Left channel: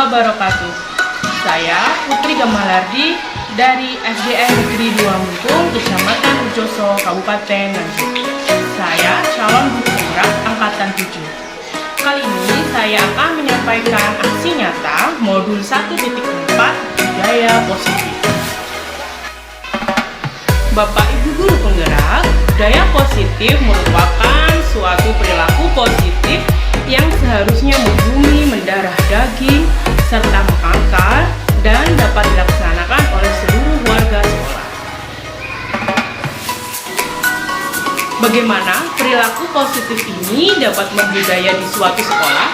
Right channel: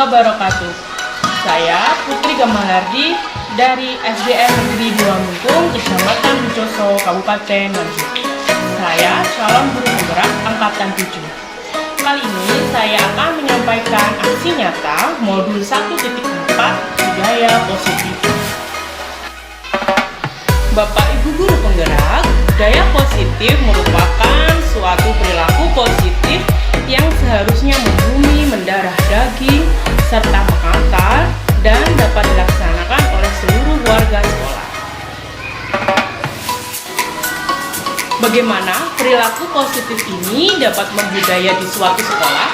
wabarakatuh. Saya Putri Gamalardi dari SDN Negeri 2 Mumpung, Kecamatan Bujoso, Kabupaten Nganjuk. Saya calon guru penggerak angkatan 7. Kali ini saya akan menyampaikan aksi nyata modul 1.4 budaya positif. Bapak Ibu guru penggerak, budaya positif merupakan suatu perilaku positif yang seharusnya membumi, mendarah daging, serta mengakar dan dapat dilaksanakan oleh seluruh warga sekolah. Bagaimana perilaku positif ini dapat membudaya di suatu sekolah?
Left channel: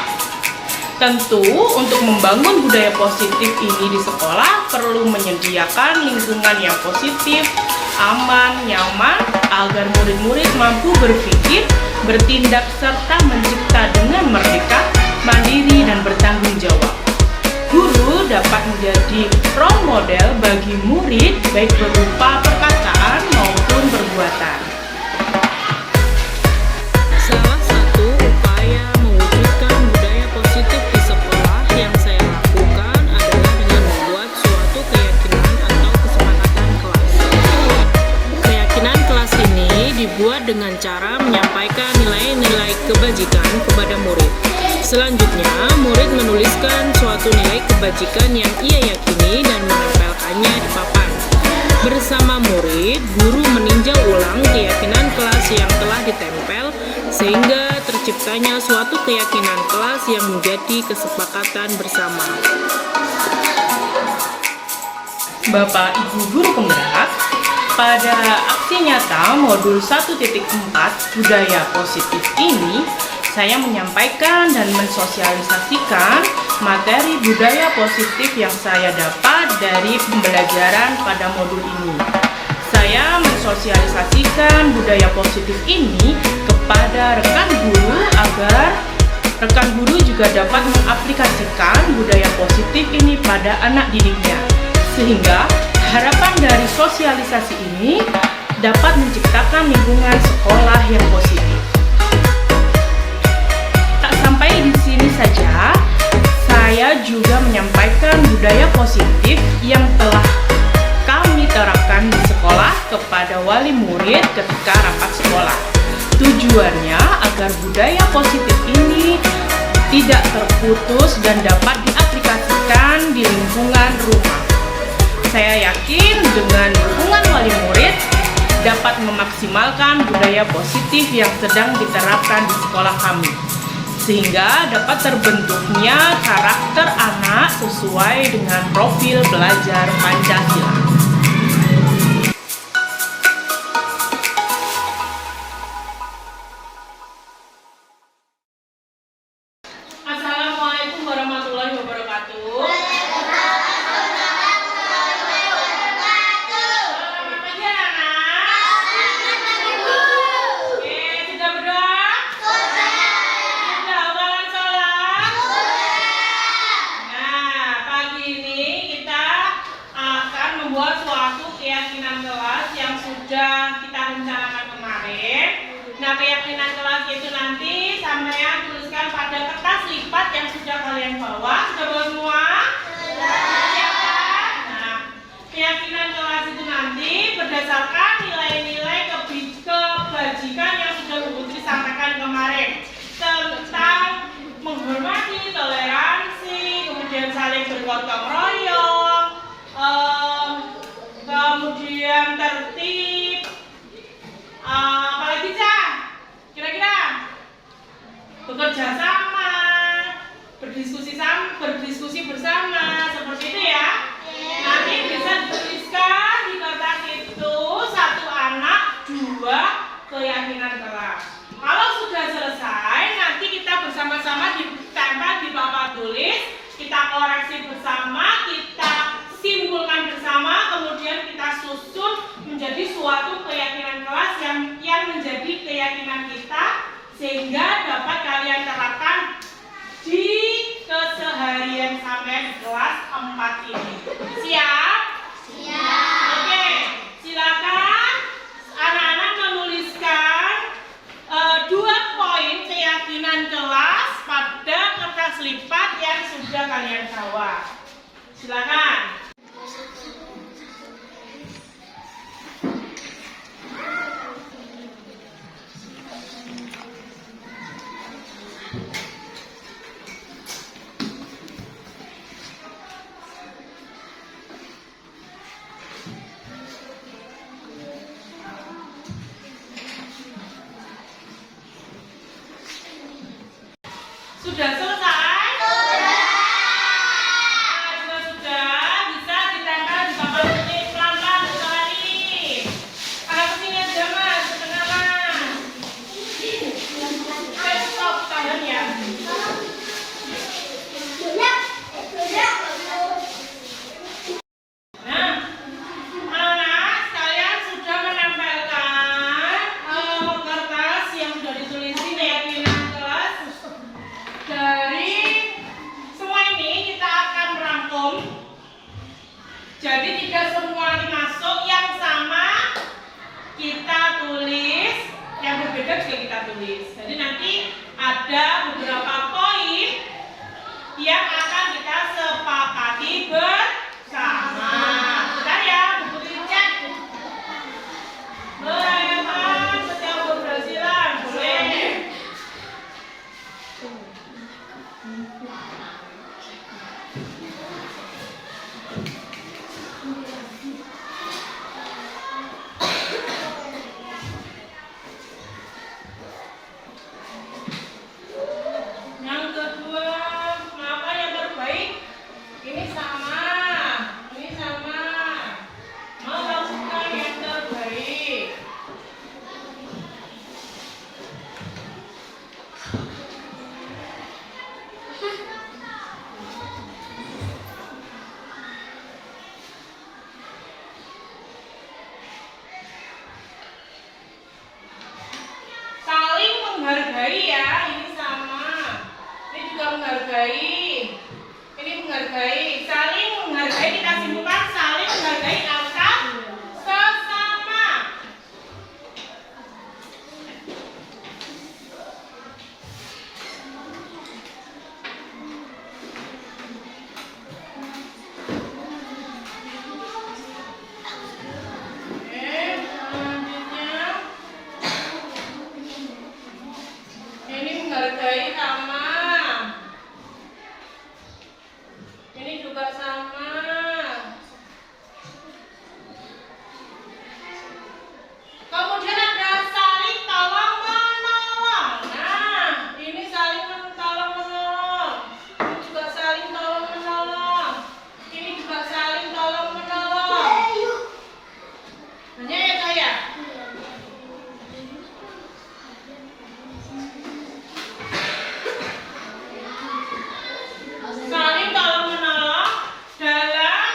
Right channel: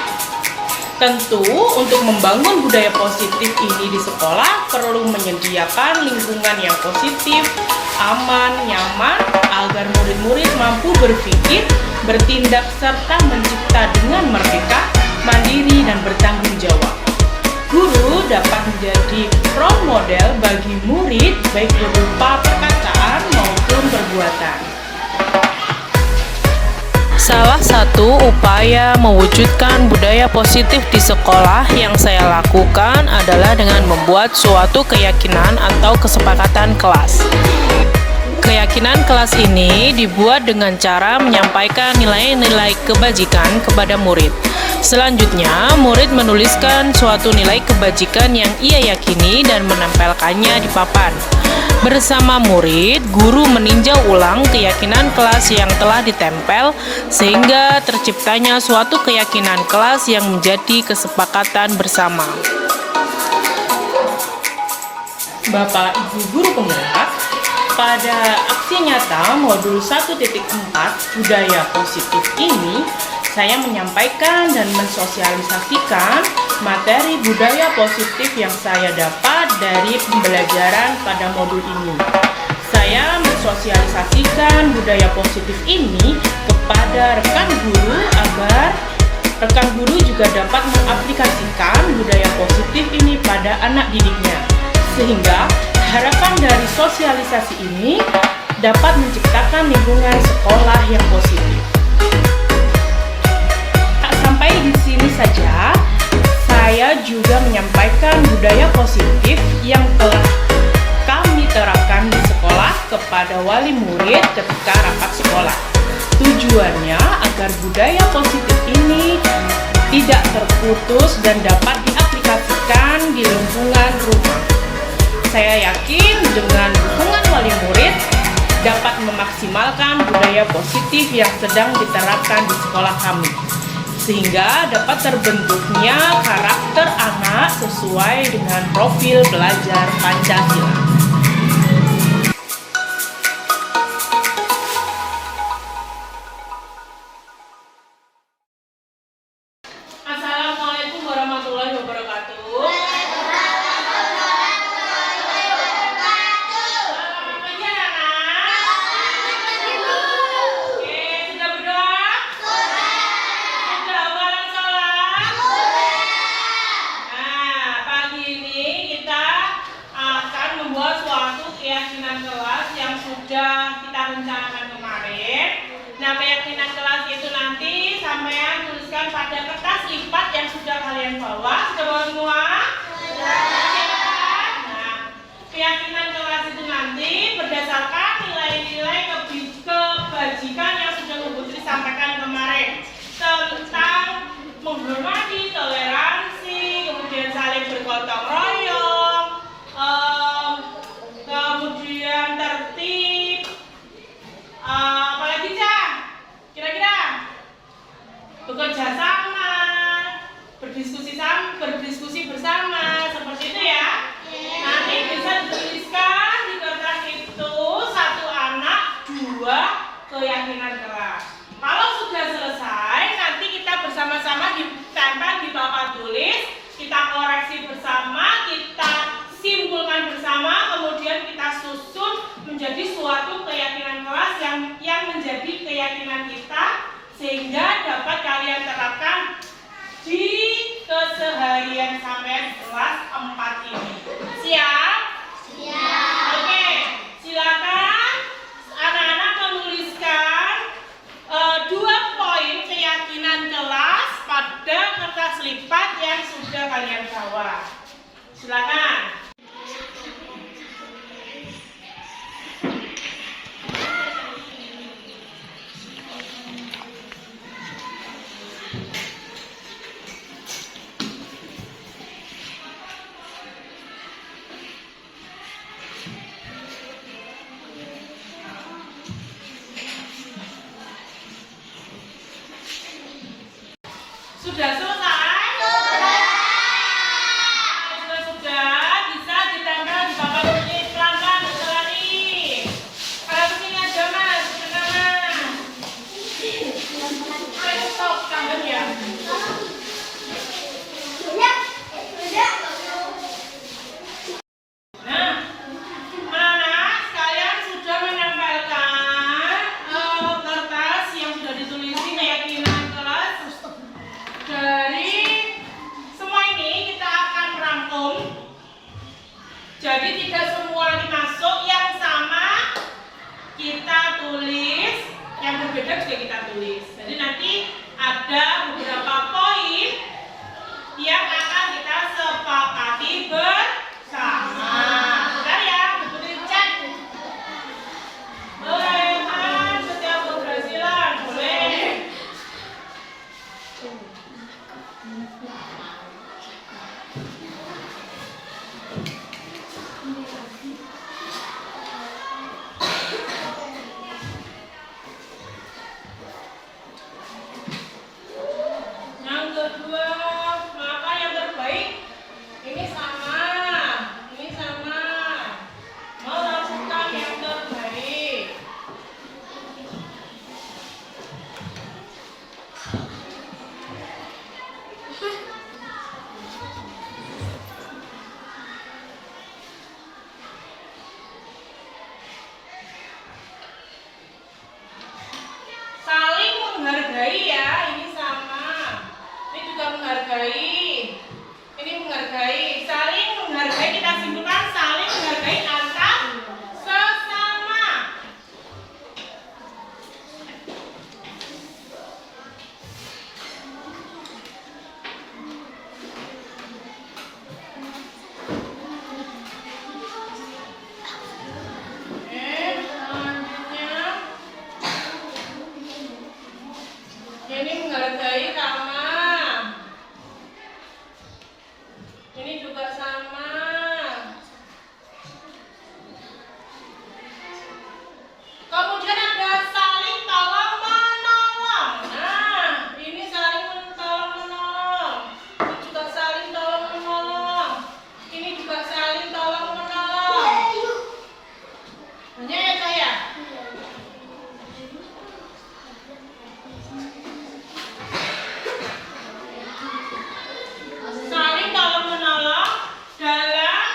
Tentu, untuk membangun budaya positif ini di sekolah perlu menyediakan lingkungan yang positif, aman, nyaman, agar murid-murid mampu berpikir, bertindak, serta mencipta dengan merdeka, mandiri, dan bertanggung jawab. Guru dapat menjadi role model bagi murid baik berupa perkataan maupun perbuatan. Salah satu upaya mewujudkan budaya positif di sekolah yang saya lakukan adalah dengan membuat suatu keyakinan atau kesepakatan kelas. Keyakinan kelas ini dibuat dengan cara menyampaikan nilai-nilai kebajikan kepada murid. Selanjutnya, murid menuliskan suatu nilai kebajikan yang ia yakini dan menempelkannya di papan. Bersama murid, guru meninjau ulang keyakinan kelas yang telah ditempel sehingga terciptanya suatu keyakinan kelas yang menjadi kesepakatan bersama. Bapak Ibu guru penggerak, pada aksi nyata modul 1.4 budaya positif ini, saya menyampaikan dan mensosialisasikan materi budaya positif yang saya dapat dari pembelajaran pada modul ini. Saya mensosialisasikan budaya positif ini kepada rekan guru agar rekan guru juga dapat mengaplikasikan budaya positif ini pada anak didiknya. Sehingga harapan dari sosialisasi ini dapat menciptakan lingkungan sekolah yang positif. Tak sampai di sini saja, saya juga menyampaikan budaya positif yang telah kami terapkan di sekolah kepada wali murid ketika rapat sekolah. Tujuannya agar budaya positif ini tidak terputus dan dapat diaplikasikan di lingkungan rumah. Saya yakin dengan dukungan wali murid dapat memaksimalkan budaya positif yang sedang diterapkan di sekolah kami, sehingga dapat terbentuknya karakter anak sesuai dengan profil belajar Pancasila. Assalamualaikum warahmatullahi wabarakatuh. Keyakinan kelas yang sudah kita rencanakan kemarin. Nah, keyakinan kelas itu nanti sampean tuliskan pada kertas lipat yang sudah kalian bawa. Sudah bawa semua? Sudah. Nah, keyakinan kelas itu nanti berdasarkan nilai-nilai kebajikan yang sudah Ibu Putri sampaikan kemarin tentang menghormati, toleransi, kemudian saling bergotong royong, kemudian tertib, apalagi Cah? Kira-kira bekerja sama, berdiskusi bersama, seperti itu ya. Nanti bisa dituliskan di kertas itu 1 anak 2 keyakinan kelas. Kalau sudah selesai, nanti kita bersama-sama ditempel di papan tulis, kita koreksi bersama, kita simpulkan bersama, kemudian kita susun menjadi suatu keyakinan kelas yang menjadi keyakinan kita, sehingga dapat kalian terapkan di keseharian sampai kelas 4 ini. Siap? Siap. Oke, silakan anak-anak menuliskan 2 poin keyakinan kelas pada kertas lipat yang sudah kalian bawa. sudah selesai? Nah, sudah, bisa ditempel di bawah sini pelan-pelan berlari. Kalau kesini aja mas, kedengaran. Saya stop tangan ya. Nah, anak-anak sekalian sudah menempelkan kertas yang sudah ditulisi keyakinan kelas. Dari semua ini kita akan rangkum. Jadi tidak semua ini masuk, yang sama kita tulis, yang berbeda juga kita tulis. Jadi nanti ada beberapa poin yang akan kita sepakati bersama. Bentar ya, buku dicek. Boleh kan setiap keberhasilan, boleh. Yang kedua, maka yang terbaik ini sama, melakukan yang terbaik. Saling menghargai ya, ini sama. Ini juga menghargai. Ini menghargai, saling menghargai, kita simpulkan saling menghargai antar sesama. Selanjutnya ini menghargai sama. Ini juga sama. Kemudian ada saling tolong menolong. Nah, ini saling tolong menolong. Ini juga saling tolong menolong. Ini juga saling tolong menolong. Banyak ya saya? Saling tolong menolong dalam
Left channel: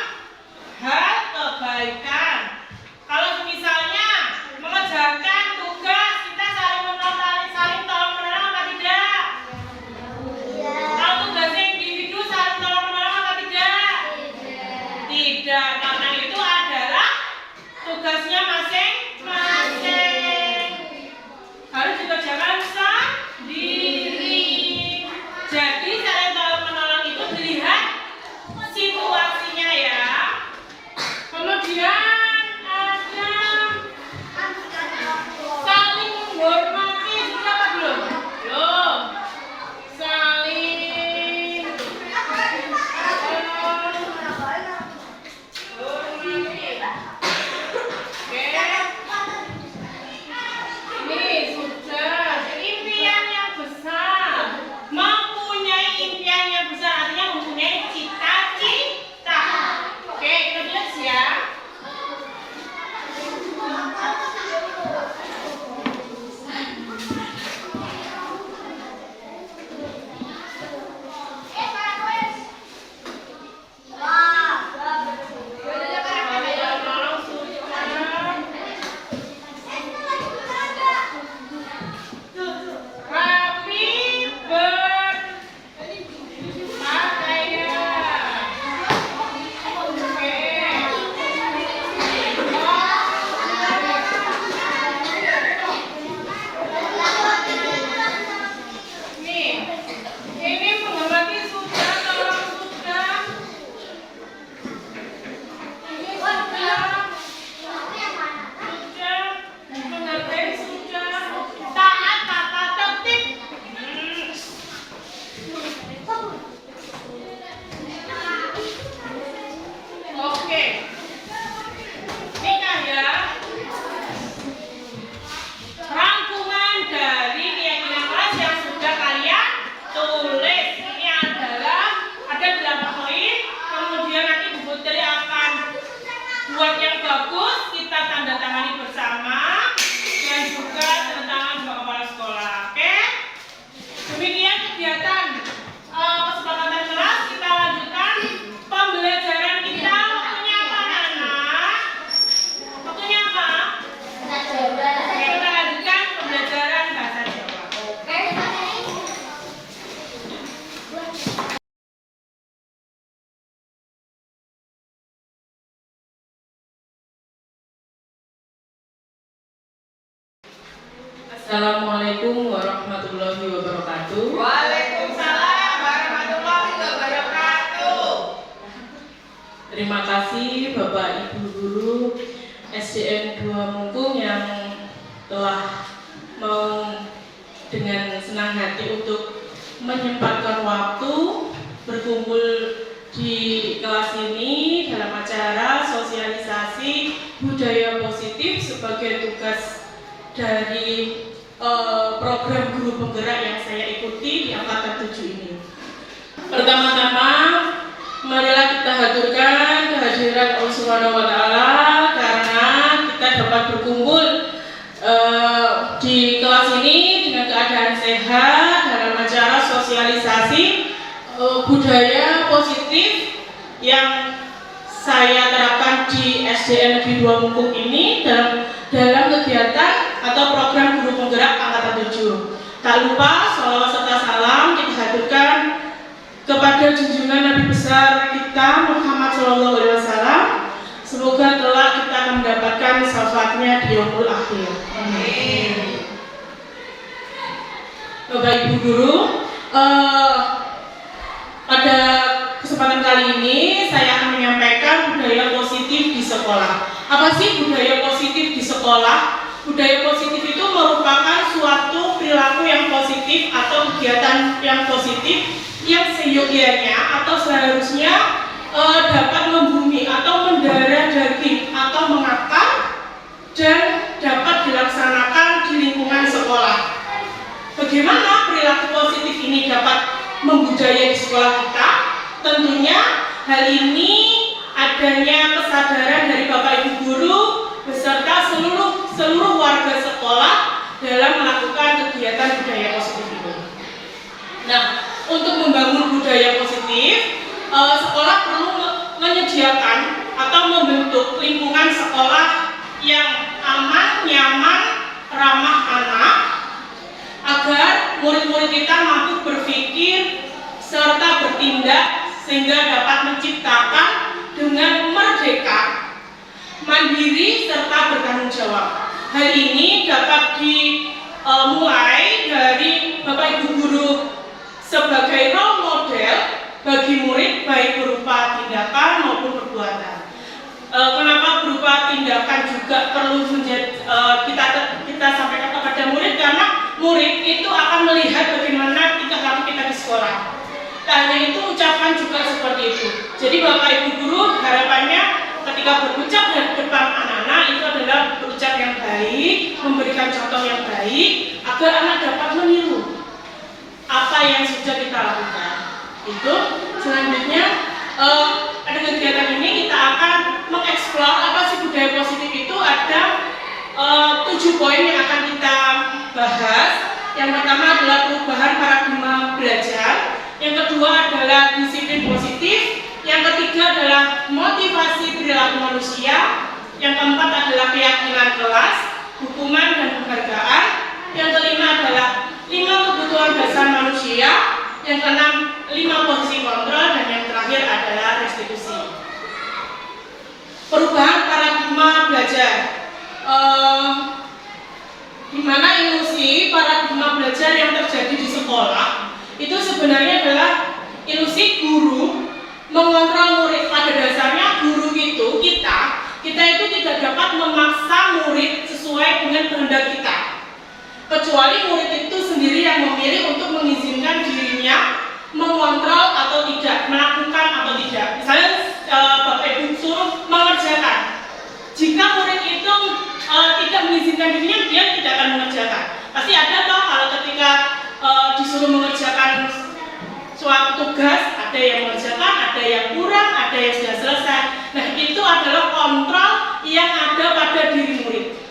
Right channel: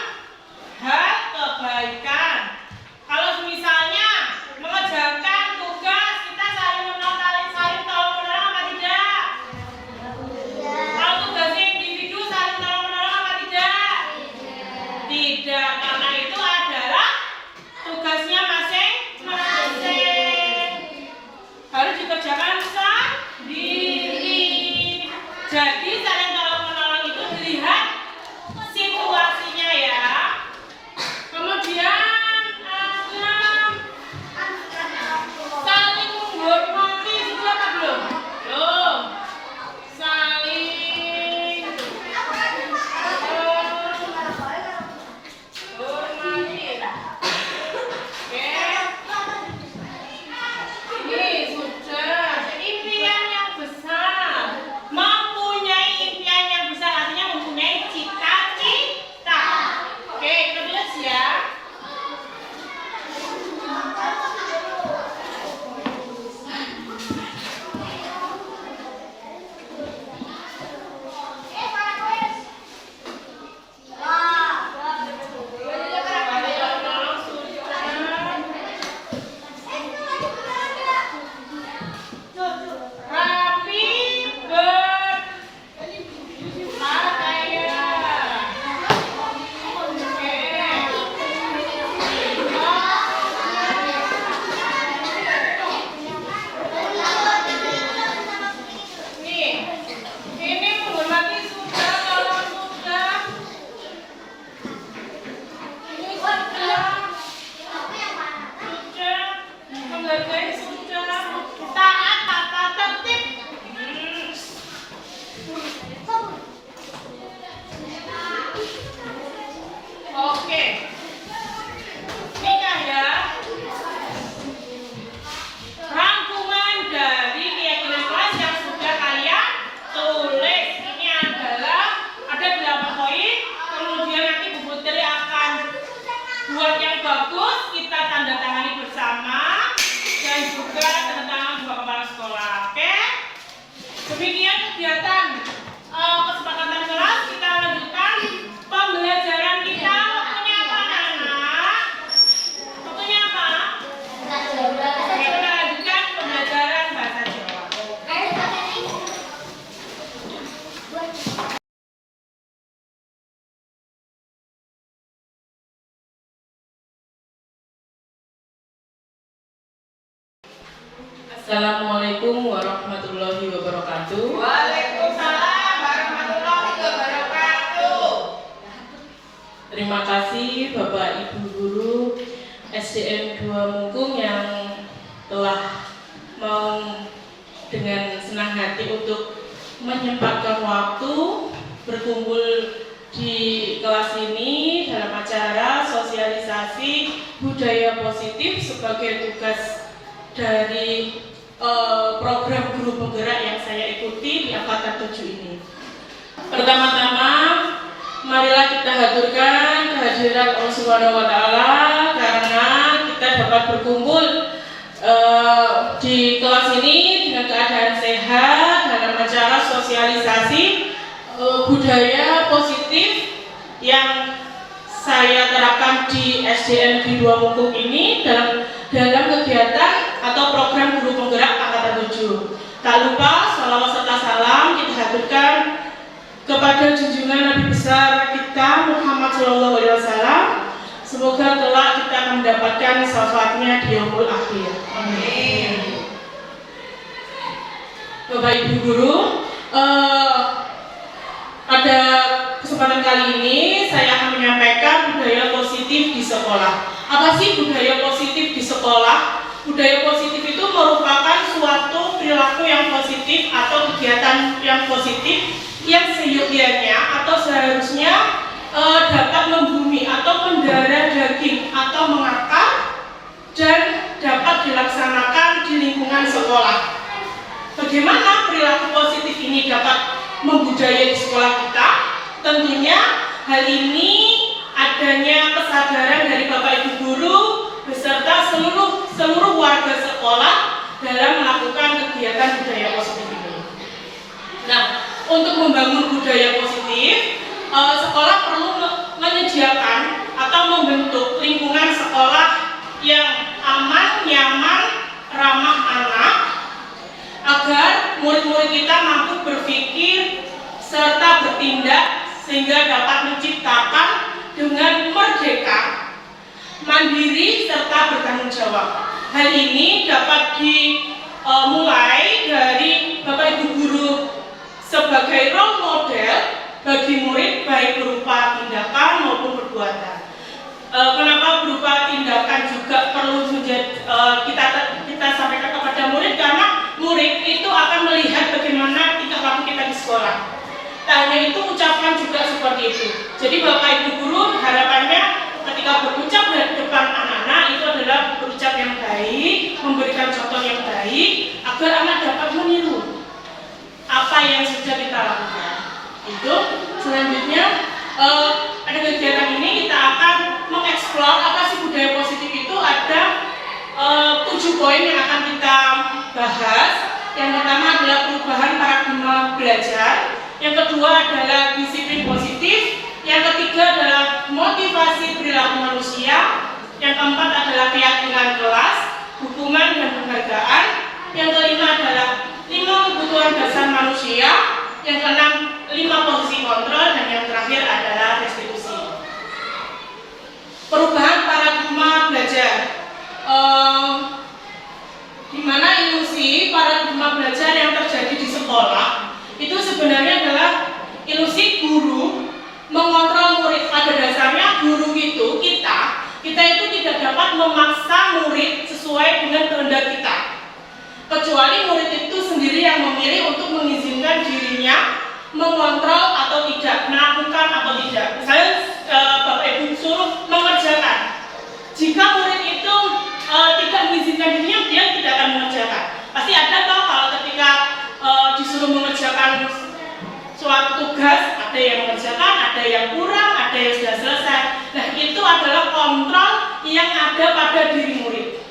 hal kebaikan. Kalau misalnya mengerjakan tugas, kita saling tolong menolong apa tidak? Kalau tugasnya individu, saling tolong menolong apa tidak? Tidak, karena itu adalah tugasnya masing-masing. Harus dikerjakan sendiri. Jadi saling tolong menolong itu dilihat situasinya ya. Kemudian ada saling menghormati, sudah apa belum? Belum. Saling menghormati. Oke. Ini sudah impian yang besar. Mempunyai impian yang besar artinya mempunyai cita-cita. Oke, kita tulis ya. Rapi berpakaian. Oke. Assalamualaikum warahmatullahi wabarakatuh. Waalaikumsalam warahmatullahi wabarakatuh. Terima kasih Bapak Ibu Guru SDN 2 Mungkung yang telah mau dengan senang hati untuk menyempatkan waktu berkumpul di kelas ini dalam acara sosialisasi budaya positif sebagai tugas dari program guru penggerak yang saya ikuti di angkatan 7 ini. Pertama-tama, marilah kita haturkan kehadiran Allah Subhanahu wa Ta'ala karena kita dapat berkumpul di kelas ini dengan keadaan sehat dalam acara sosialisasi budaya positif yang saya terapkan di SDN Negeri 2 Mungkung ini dalam kegiatan atau program guru penggerak angkatan 7. Tak lupa sholawat serta salam kita haturkan kepada junjungan Nabi besar kita Muhammad SAW. Semoga kelak kita akan mendapatkan syafaatnya di yaumul akhir. Amin. Bapak Ibu Guru, pada kesempatan kali ini saya akan menyampaikan budaya positif di sekolah. Apa sih budaya positif di sekolah? Budaya positif itu merupakan suatu perilaku yang positif atau kegiatan yang positif yang seyogianya atau seharusnya dapat membumi atau mendarah daging atau mengakar dan dapat dilaksanakan di lingkungan sekolah. Bagaimana perilaku positif ini dapat membudaya di sekolah kita? Tentunya hal ini adanya kesadaran dari Bapak Ibu Guru beserta seluruh warga sekolah dalam melakukan kegiatan budaya positif ini. Nah, untuk membangun budaya positif, sekolah perlu menyediakan atau membentuk lingkungan sekolah yang aman, nyaman, ramah anak, agar murid-murid kita mampu berpikir serta bertindak sehingga dapat menciptakan dengan merdeka, mandiri, serta bertanggung jawab. Hal ini dapat dimulai dari Bapak Ibu Guru sebagai role model bagi murid baik berupa tindakan maupun perbuatan. Kenapa berupa tindakan juga perlu kita sampaikan kepada murid? Karena murid itu akan melihat bagaimana tingkah laku kita di sekolah. Tak hanya itu, ucapan juga seperti itu. Jadi Bapak Ibu Guru harapannya ketika berucap di depan anak-anak itu adalah berucap yang baik, memberikan contoh yang baik agar anak dapat meniru apa yang sudah kita lakukan. Itu selanjutnya pada kegiatan ini kita akan mengeksplor apa sih budaya positif itu. Ada 7 poin yang akan kita bahas. Yang pertama adalah perubahan paradigma belajar. Yang kedua adalah disiplin positif. Yang ketiga adalah motivasi perilaku manusia. Yang keempat adalah keyakinan kelas, hukuman dan penghargaan. Yang kelima adalah 5 kebutuhan dasar manusia. Yang keenam 5 posisi kontrol. Dan yang terakhir adalah restitusi. Perubahan paradigma belajar. Di mana ilusi paradigma belajar yang terjadi di sekolah itu sebenarnya adalah ilusi guru mengontrol murid. Pada dasarnya guru itu kita itu tidak dapat memaksa murid sesuai dengan kehendak kita, kecuali murid itu sendiri yang memilih untuk mengizinkan dirinya mengontrol atau tidak, melakukan atau tidak. Misalnya Bapak Ibu suruh mengerjakan, jika murid itu tidak mengizinkan dirinya, dia tidak akan mengerjakan. Pasti ada toh kalau ketika disuruh mengerjakan suatu tugas, ada yang mengerjakan, ada yang kurang, ada yang sudah selesai. Nah, itu adalah kontrol yang ada pada diri murid.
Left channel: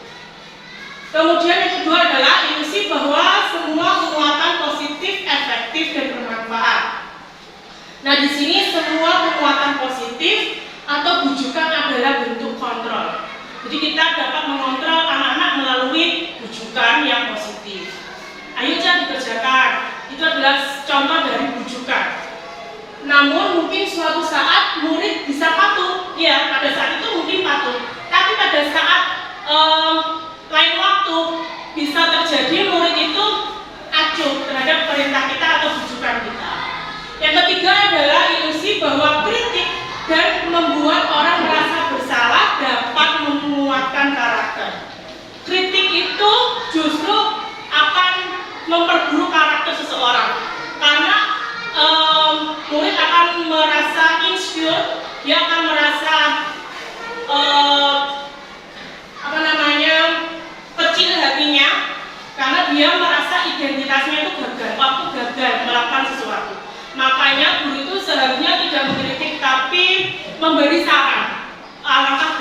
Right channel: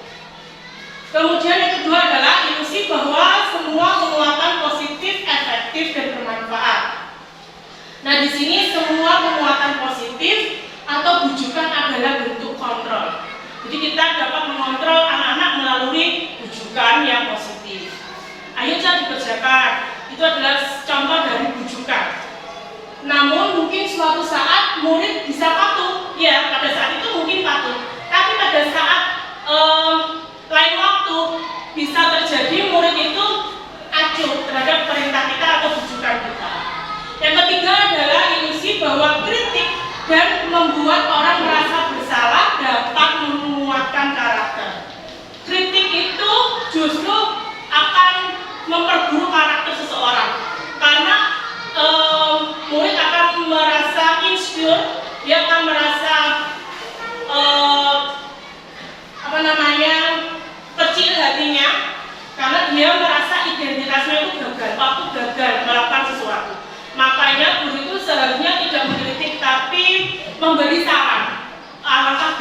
Kemudian yang kedua adalah ilusi bahwa semua penguatan positif, efektif, dan bermanfaat. Nah, di sini semua penguatan positif atau bujukan adalah bentuk kontrol. Jadi kita dapat mengontrol anak-anak melalui bujukan yang positif. Ayo Cak, dikerjakan. Itu adalah contoh dari bujukan. Namun mungkin suatu saat murid bisa patuh. Ya, pada saat itu mungkin patuh. Tapi pada saat lain waktu bisa terjadi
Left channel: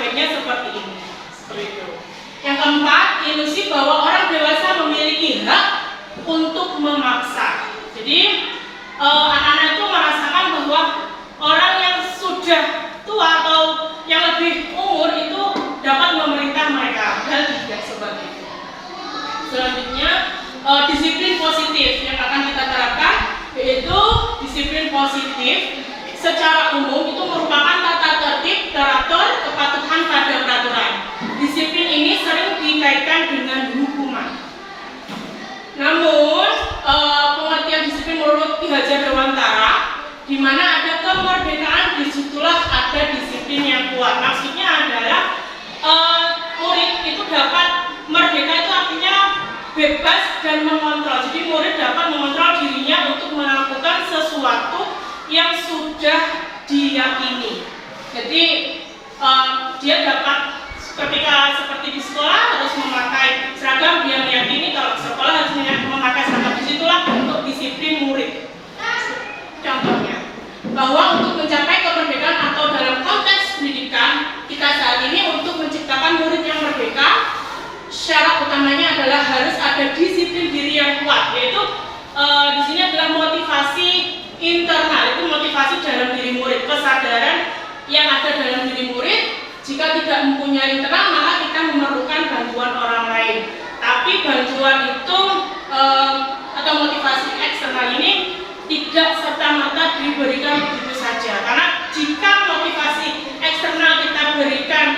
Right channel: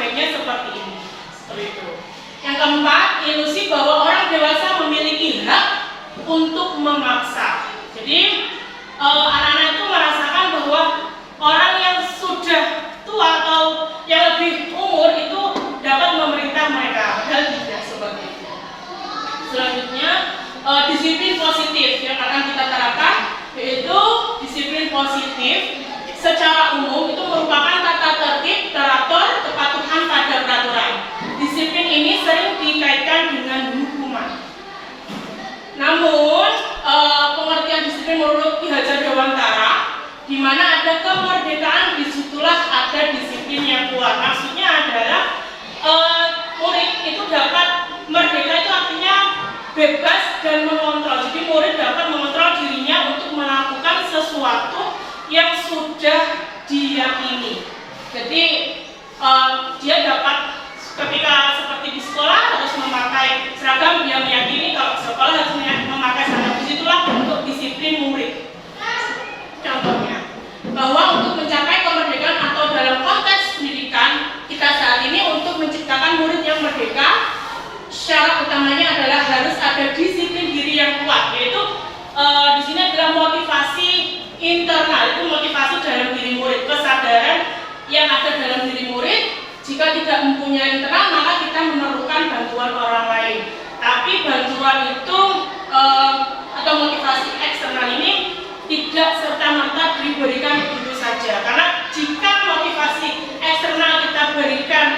aspeknya seperti ini. Seperti itu. Yang keempat, ilusi bahwa orang dewasa memiliki hak untuk memaksa. Jadi anak-anak itu merasakan bahwa orang yang sudah tua atau yang lebih umur itu dapat memerintah mereka, padahal tidak seperti itu. Selanjutnya, disiplin positif yang akan kita terapkan, yaitu disiplin positif secara umum itu merupakan tata tertib, teratur, kepatuhan pada peraturan. Disiplin ini sering dikaitkan dengan hukuman. Namun, pengertian disiplin menurut Ki Hajar Dewantara, di mana ada kemerdekaan, disitulah ada disiplin yang kuat. Maksudnya adalah murid itu dapat merdeka, itu artinya bebas dan mengontrol. Jadi murid dapat mengontrol dirinya untuk melakukan sesuatu yang sudah diyakini. Jadi dia dapat ketika seperti di sekolah harus memakai seragam, dia meyakini kalau di sekolah harus memakai seragam. Disitulah bentuk disiplin murid. Contohnya, bahwa untuk mencapai kemerdekaan atau dalam konteks pendidikan kita saat ini untuk menciptakan murid yang merdeka, syarat utamanya adalah harus ada disiplin diri yang kuat, yaitu di sini adalah motivasi internal, itu motivasi dalam diri murid, kesadaran yang ada dalam diri murid. Jika tidak mempunyai internal, maka kita memerlukan bantuan orang lain. Tapi bantuan itu atau motivasi eksternal ini tidak serta-merta diberikan begitu saja. Karena jika motivasi eksternal kita berikan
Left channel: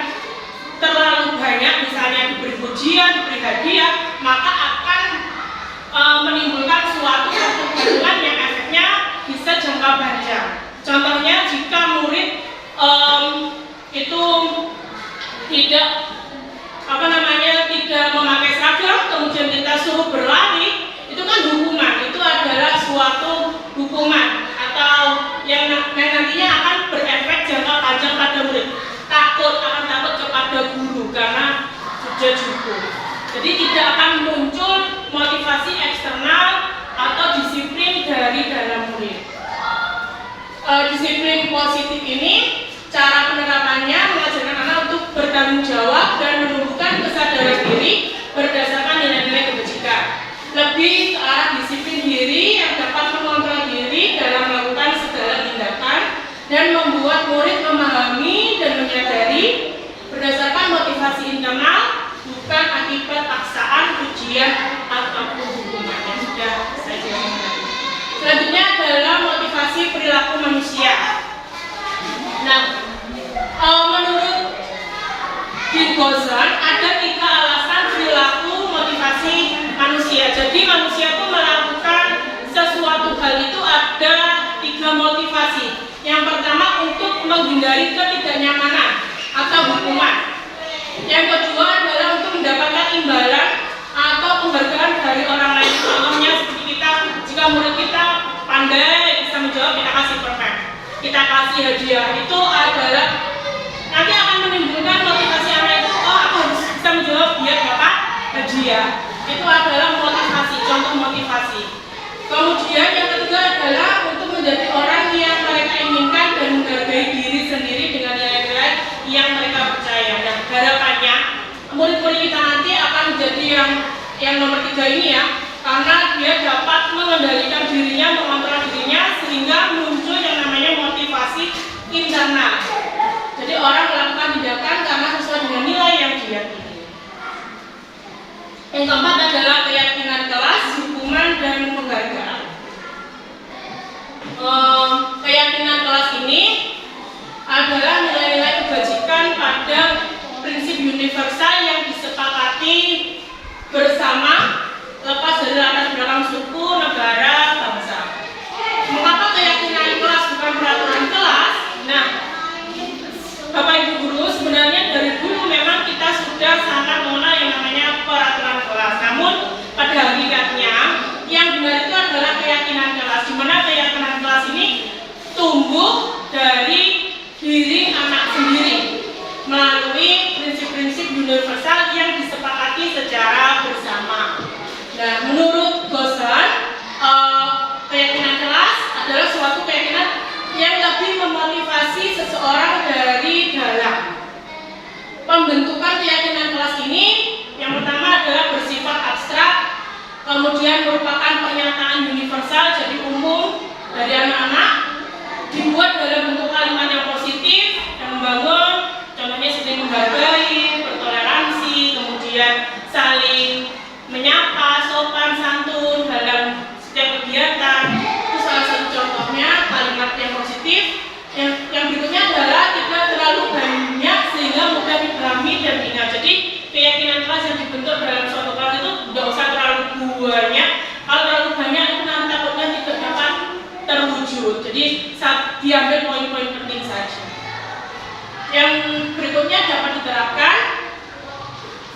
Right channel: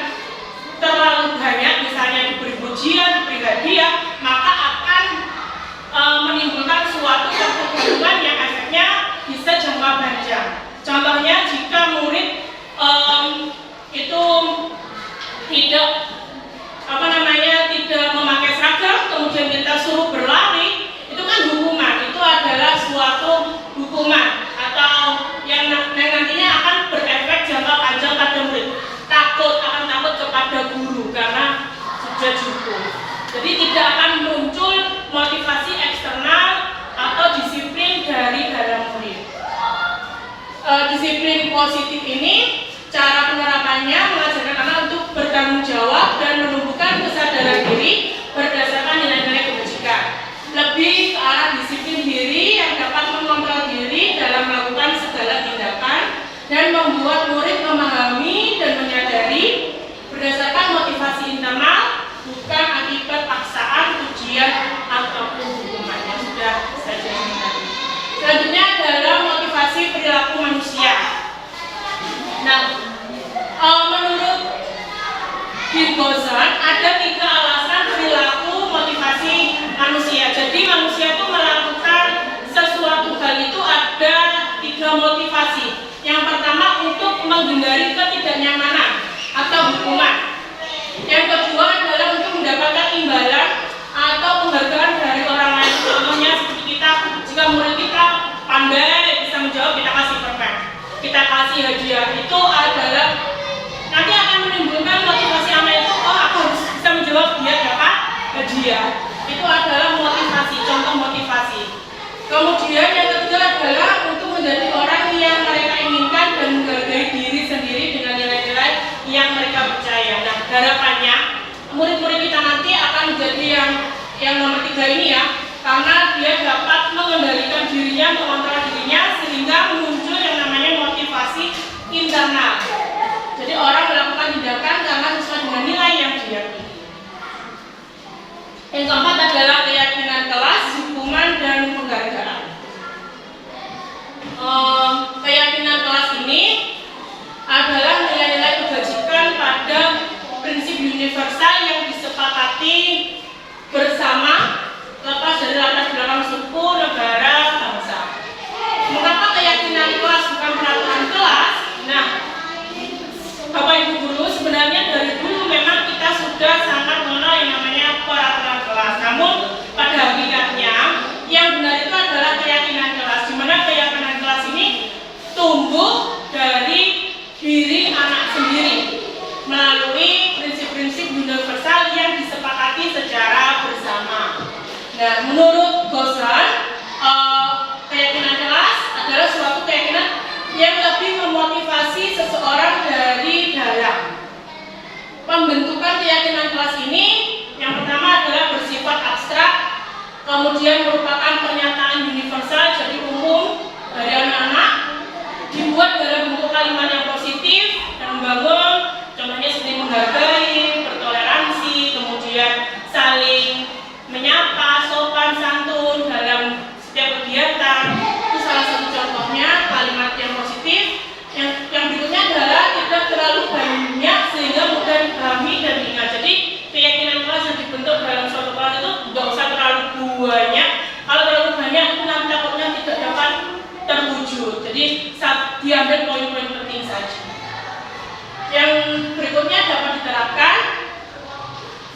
terlalu banyak, misalnya diberi pujian, diberi hadiah, maka akan menimbulkan suatu pertumbuhan yang efeknya bisa jangka panjang. Contohnya jika murid itu tidak tidak memakai seragam, kemudian kita suruh berlari, itu kan hukuman. Itu adalah suatu hukuman atau yang nantinya akan berefek jangka panjang pada murid. Akan takut kepada guru karena sudah cukup. Jadi tidak akan muncul motivasi eksternal atau disiplin dari dalam murid. Disiplin positif ini cara penerapannya mengajarkan anak untuk bertanggung jawab dan menumbuhkan kesadaran diri berdasarkan nilai-nilai kebajikan. Lebih ke arah disiplin diri yang dapat mengontrol diri dalam melakukan segala tindakan dan membuat murid memahami dan menyadari berdasarkan motivasi internal, bukan akibat paksaan, ujian, ataupun hukuman yang sudah saya jelaskan tadi. Selanjutnya adalah motivasi perilaku manusia. Nah, menurut Gozan ada 3 alasan perilaku motivasi manusia. Jadi manusia itu melakukan sesuatu hal itu ada 3 motivasi. Yang pertama untuk menghindari ketidaknyamanan atau hukuman. Yang kedua adalah untuk mendapatkan imbalan atau penghargaan dari orang lain. Contohnya seperti kita, jika murid kita pandai bisa menjawab, kita kasih permen, kita kasih hadiah. Itu adalah nanti akan menimbulkan motivasi anak itu, oh aku harus bisa menjawab, dia dapat hadiah. Itu adalah motivasi, contoh motivasi. Kemudian yang ketiga adalah untuk menjadi orang yang mereka inginkan dan menghargai diri sendiri dengan nilai-nilai yang mereka percaya. Nah, harapannya murid-murid kita nanti akan menjadi yang nomor 3 ini ya, karena dia dapat mengendalikan dirinya, mengontrol dirinya, sehingga muncul yang namanya motivasi internal. Jadi orang melakukan tindakan karena sesuai dengan nilai yang diyakini. Yang keempat adalah keyakinan kelas, hukuman, dan penghargaan. Keyakinan kelas ini adalah nilai-nilai kebajikan pada prinsip universal yang disepakati bersama lepas dari latar belakang suku, negara, bangsa. Mengapa keyakinan kelas bukan peraturan kelas? Nah, Bapak Ibu Guru, sebenarnya dari dulu memang kita sudah sangat mengenal yang namanya peraturan kelas. Namun pada hakikatnya yang benar itu adalah keyakinan kelas, di mana keyakinan kelas ini tumbuh dari diri anak sendiri melalui prinsip-prinsip universal yang disepakati secara bersama. Nah, menurut Gozan, keyakinan kelas adalah suatu keyakinan yang lebih memotivasi seseorang dari dalam. pembentukan keyakinan kelas ini yang pertama adalah bersifat abstrak, kemudian merupakan pernyataan universal jadi umum dari anak-anak, dibuat dalam bentuk kalimat yang positif dan membangun, contohnya seperti menghargai, bertoleransi, kemudian saling menyapa, sopan santun dalam setiap kegiatan. Itu salah satu contohnya kalimat yang positif. Yang berikutnya adalah tidak terlalu banyak sehingga mudah dipahami dan diingat. Jadi keyakinan kelas yang dibentuk dalam suatu kelas itu tidak usah terlalu banyak. Kalau terlalu banyak itu nanti takutnya tidak dapat terwujud. Jadi diambil poin-poin penting saja. Yang berikutnya dapat diterapkan.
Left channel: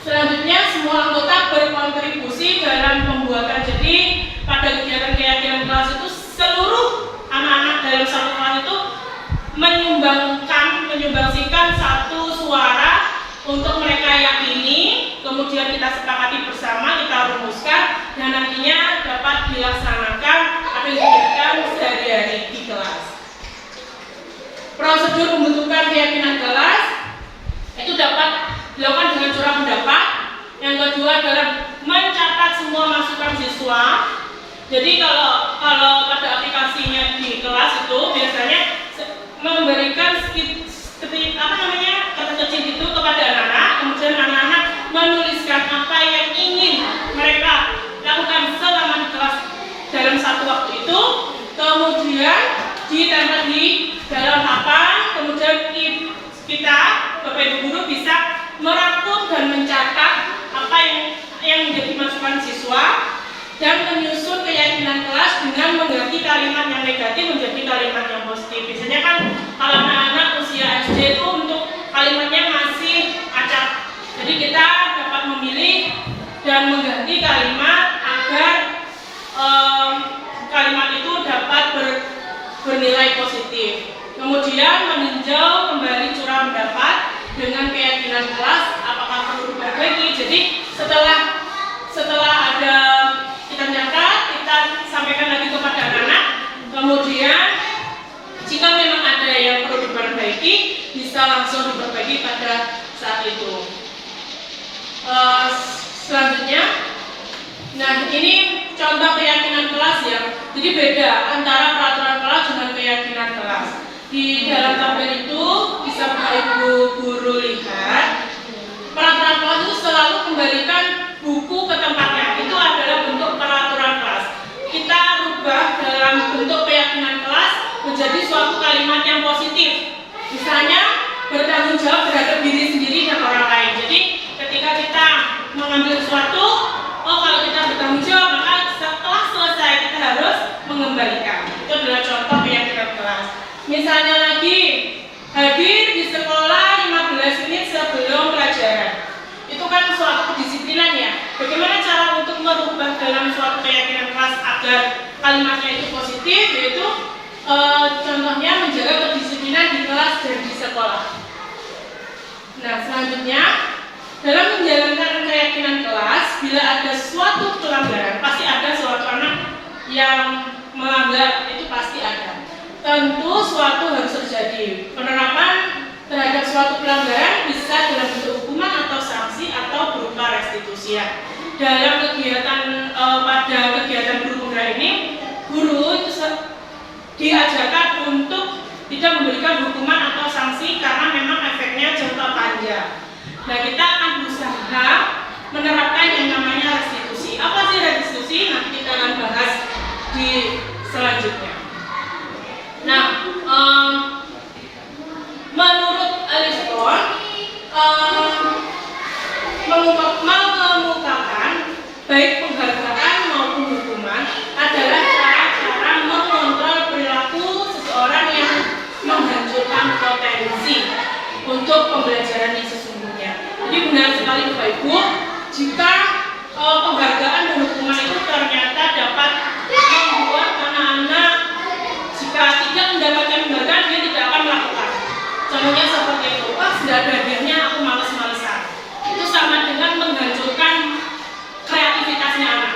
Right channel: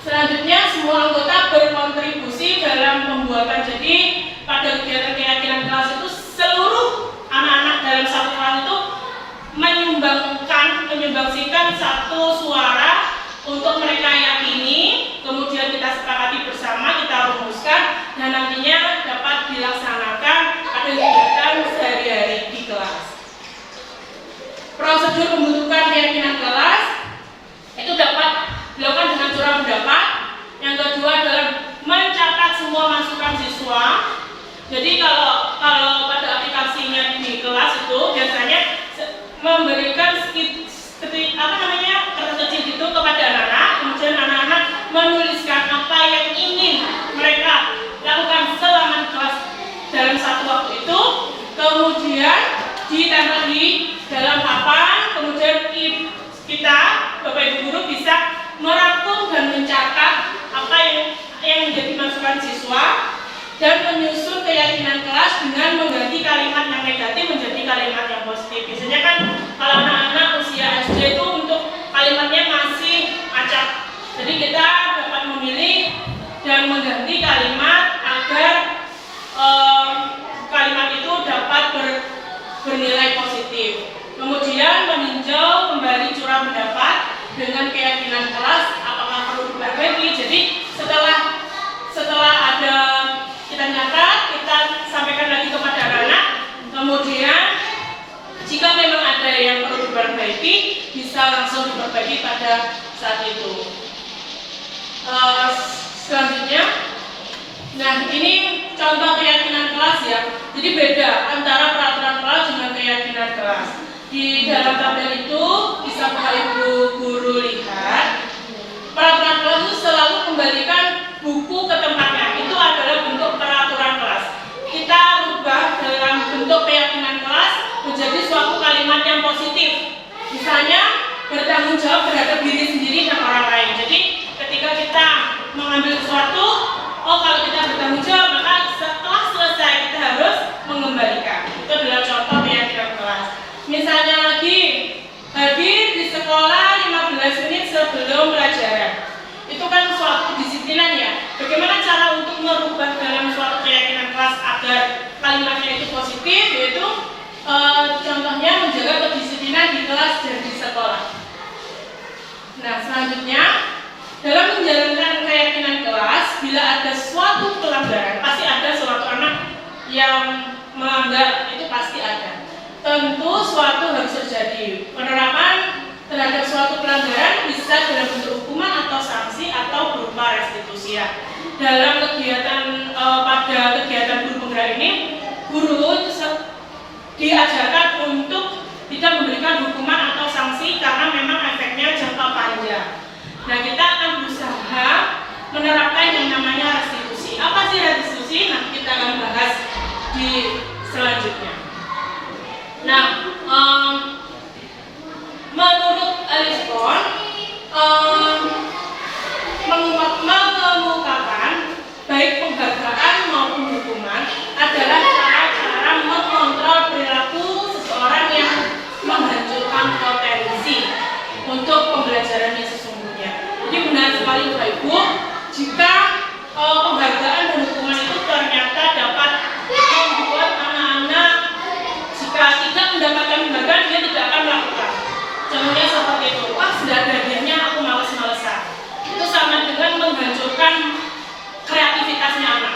Selanjutnya semua anggota berkontribusi dalam pembuatan. Jadi pada kegiatan keyakinan kelas itu seluruh anak-anak dalam satu kelas itu menyumbangsikan satu suara untuk mereka yakini, kemudian kita sepakati bersama, kita rumuskan, dan nantinya dapat dilaksanakan pada kegiatan sehari-hari di kelas. Prosedur pembentukan keyakinan kelas itu dapat dilakukan dengan curah pendapat. Yang kedua adalah mencatat semua masukan siswa. Jadi kalau pada aplikasinya di kelas itu biasanya memberikan kertas kecil itu kepada anak-anak, kemudian anak-anak menuliskan apa yang ingin mereka lakukan selama di kelas dalam satu waktu itu, kemudian ditempel di dalam papan, kemudian kita Bapak Ibu guru bisa merangkum dan mencatat apa yang menjadi masukan siswa dan menyusun keyakinan kelas dengan mengganti kalimat yang negatif menjadi kalimat yang positif. Biasanya kan kalau anak-anak usia SD itu untuk kalimatnya masih acak. Jadi kita dapat memilih dan mengganti kalimat agar kalimat itu dapat bernilai positif. Kemudian meninjau kembali curah pendapat dengan keyakinan kelas apakah perlu diperbaiki. Jadi setelah ada kita nyatat, kita sampaikan lagi kepada anak-anak. Kemudian jika memang ada yang perlu diperbaiki, bisa langsung diperbaiki pada saat itu. Selanjutnya, nah ini contoh keyakinan kelas ya. Jadi beda antara peraturan kelas dengan keyakinan kelas. Di dalam tabel itu bisa Bapak Ibu guru lihat. Peraturan kelas itu selalu kembalikan buku ke tempatnya. Itu adalah bentuk peraturan kelas. Kita rubah dalam bentuk keyakinan kelas menjadi suatu kalimat yang positif. Misalnya bertanggung jawab terhadap diri sendiri dan orang lain. Jadi ketika kita mengambil sesuatu, kalau kita bertanggung jawab, maka setelah selesai kita harus mengembalikan. Itu adalah contoh keyakinan kelas. Misalnya lagi hadir di sekolah 15 menit sebelum pelajaran. Itu kan suatu kedisiplinan ya. Bagaimana cara untuk merubah dalam suatu keyakinan kelas agar kalimatnya itu positif, yaitu contohnya menjaga kedisiplinan di kelas dan di sekolah. Nah, selanjutnya dalam menjalankan keyakinan kelas, bila ada suatu pelanggaran, pasti ada suatu anak yang melanggar, itu pasti ada. Tentu suatu harus terjadi. Penerapan terhadap suatu pelanggaran bisa dalam bentuk hukuman atau sanksi atau berupa restitusi ya. Dalam kegiatan pada kegiatan guru penggerak ini, guru itu diajarkan untuk tidak memberikan hukuman atau sanksi karena memang efeknya jangka panjang. Nah, kita akan berusaha menerapkan yang namanya restitusi. Apa sih restitusi? Nanti kita akan bahas di selanjutnya. Nah, menurut Aristoteles mengemukakan baik penghargaan maupun hukuman adalah cara-cara mengontrol perilaku seseorang yang menghancurkan potensi untuk pembelajaran yang sesungguhnya. Jadi benar sekali Bapak Ibu, jika penghargaan dan hukuman itu ternyata dapat membuat anak-anak jika tidak mendapatkan penghargaan dia tidak akan melakukan. Contohnya seperti itu, wah sudah ada hadiahnya aku males-malesan. Itu sama dengan menghancurkan kreativitasnya anak.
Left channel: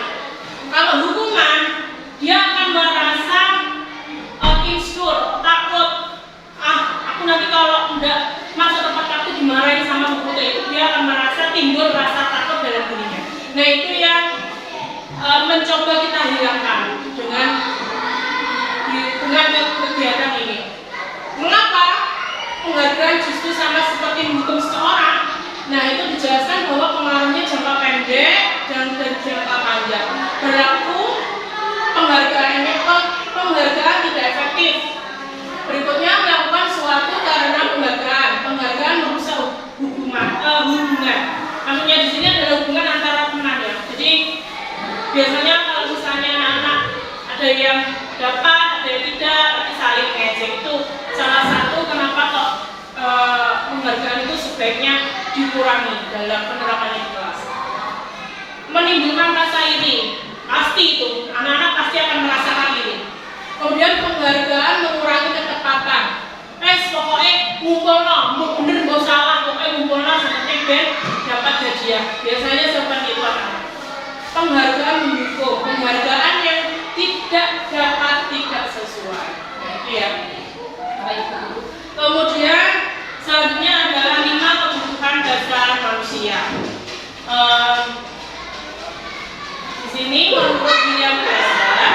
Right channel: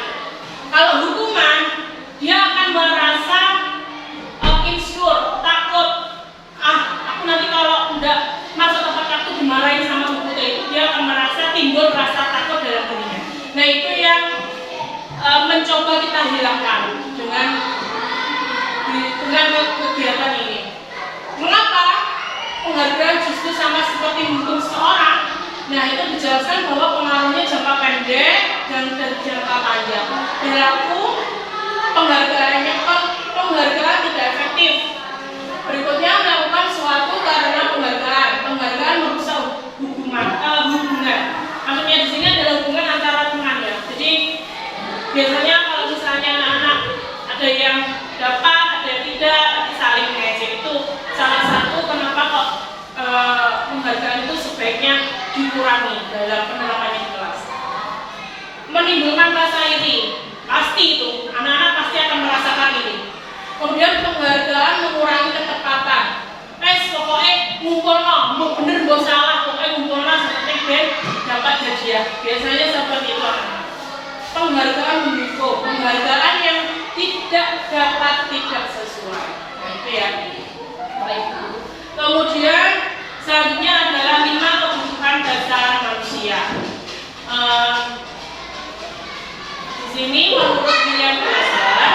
Kalau hukuman, dia akan merasa insecure, takut. Aku nanti kalau enggak masuk tempat aku dimarahin sama guru itu. dia akan merasa timbul rasa takut dalam dirinya. Nah, itu yang mencoba kita hilangkan dengan kegiatan ini. Mengapa penghargaan justru sama seperti menghukum seseorang? Nah, itu dijelaskan bahwa pengaruhnya jangka pendek dan jangka panjang. Berlaku penghargaan tidak efektif. Berikutnya, melakukan suatu karena penghargaan merusak hubungan. Maksudnya di sini adalah hubungan antara teman ya. Jadi biasanya kalau misalnya anak-anak ada yang dapat, ada yang tidak, tapi saling mengejek, itu salah satu kenapa kok penghargaan itu sebaiknya dikurangi dalam penerapannya di kelas. Menimbulkan rasa iri, pasti itu anak-anak pasti akan merasakan iri. Kemudian penghargaan mengurangi ketepatan. Pokoknya ngumpulno, mau bener mau salah, pokoknya ngumpulno seperti ben dapat hadiah. Biasanya seperti itu akan. Penghargaan mendukung, penghargaan yang tidak dapat tidak sesuai. Nah, itu ya. Baik. Kemudian selanjutnya adalah 5 kebutuhan dasar manusia. Di sini menurut William Glasser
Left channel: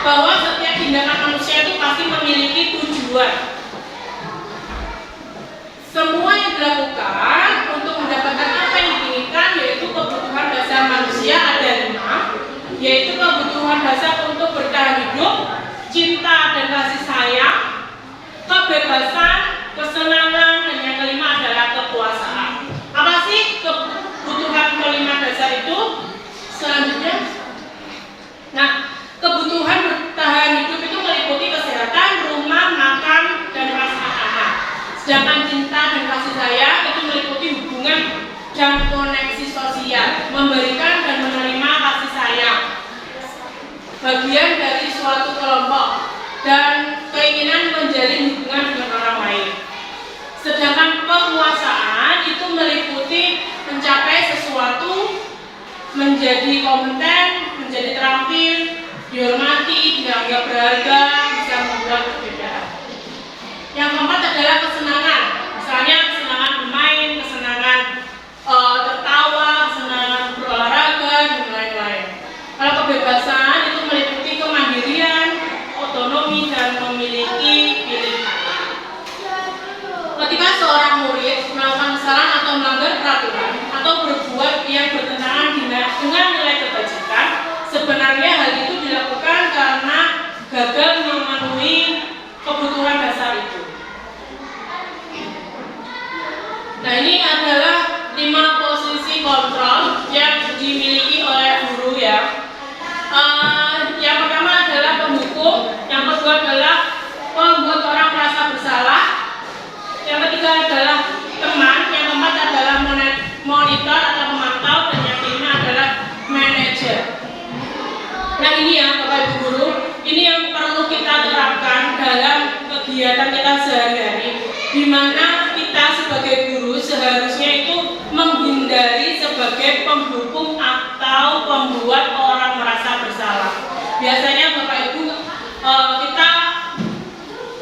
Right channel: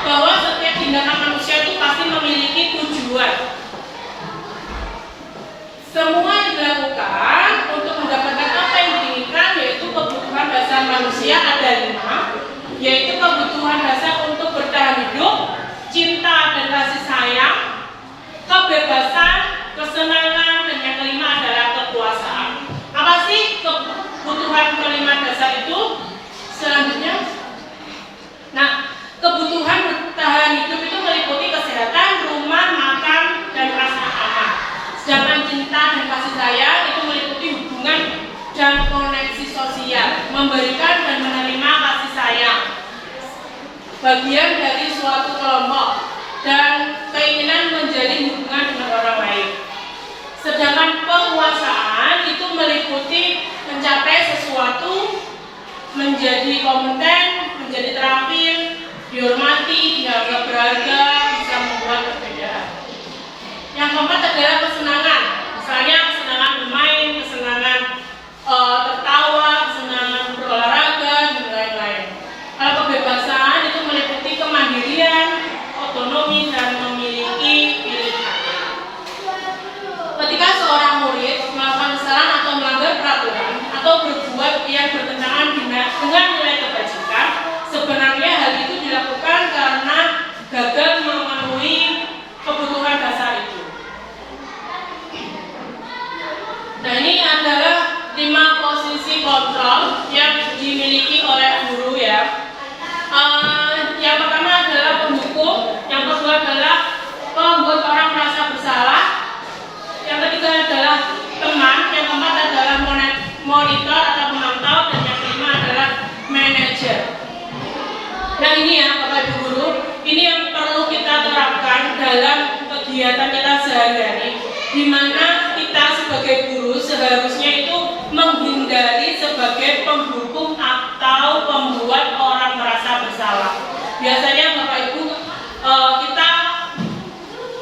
bahwa setiap tindakan manusia itu pasti memiliki tujuan. Semua yang dilakukan untuk mendapatkan apa yang diinginkan, yaitu kebutuhan dasar manusia ada 5, yaitu kebutuhan dasar untuk bertahan hidup, cinta dan kasih sayang, kebebasan, kesenangan, dan yang kelima adalah kekuasaan. Apa sih kebutuhan kelima dasar itu? Selanjutnya, nah, kebutuhan bertahan hidup itu meliputi kesehatan, rumah, makan, dan rasa aman. Sedangkan cinta dan kasih sayang itu meliputi hubungan dan koneksi sosial, memberikan dan menerima kasih sayang, bagian dari suatu kelompok, dan keinginan menjalin hubungan dengan orang lain. Sedangkan kekuasaan itu meliputi mencapai sesuatu, menjadi kompeten, menjadi terampil, dihormati, dianggap berharga, bisa membuat perbedaan. Yang keempat adalah kesenangan, misalnya kesenangan bermain, kesenangan tertawa, kesenangan berolahraga, dan lain-lain. Kalau kebebasan itu meliputi kemandirian, otonomi, dan memiliki pilihan. Ketika seorang murid melakukan kesalahan atau melanggar peraturan atau berbuat yang bertentangan dengan nilai kebajikan, sebenarnya hal itu dilakukan karena gagal memenuhi kebutuhan dasar itu. Nah, ini adalah 5 posisi kontrol yang dimiliki oleh guru ya. Yang pertama adalah penghukum, yang kedua adalah membuat orang merasa bersalah, yang ketiga adalah teman, yang keempat adalah monitor atau pemantau, dan yang kelima adalah manajer. Nah, ini ya Bapak Ibu guru, ini yang perlu kita terapkan dalam kegiatan kita sehari-hari, di mana kita sebagai guru seharusnya itu menghindari sebagai penghukum atau pembuat orang merasa bersalah. Biasanya Bapak Ibu kita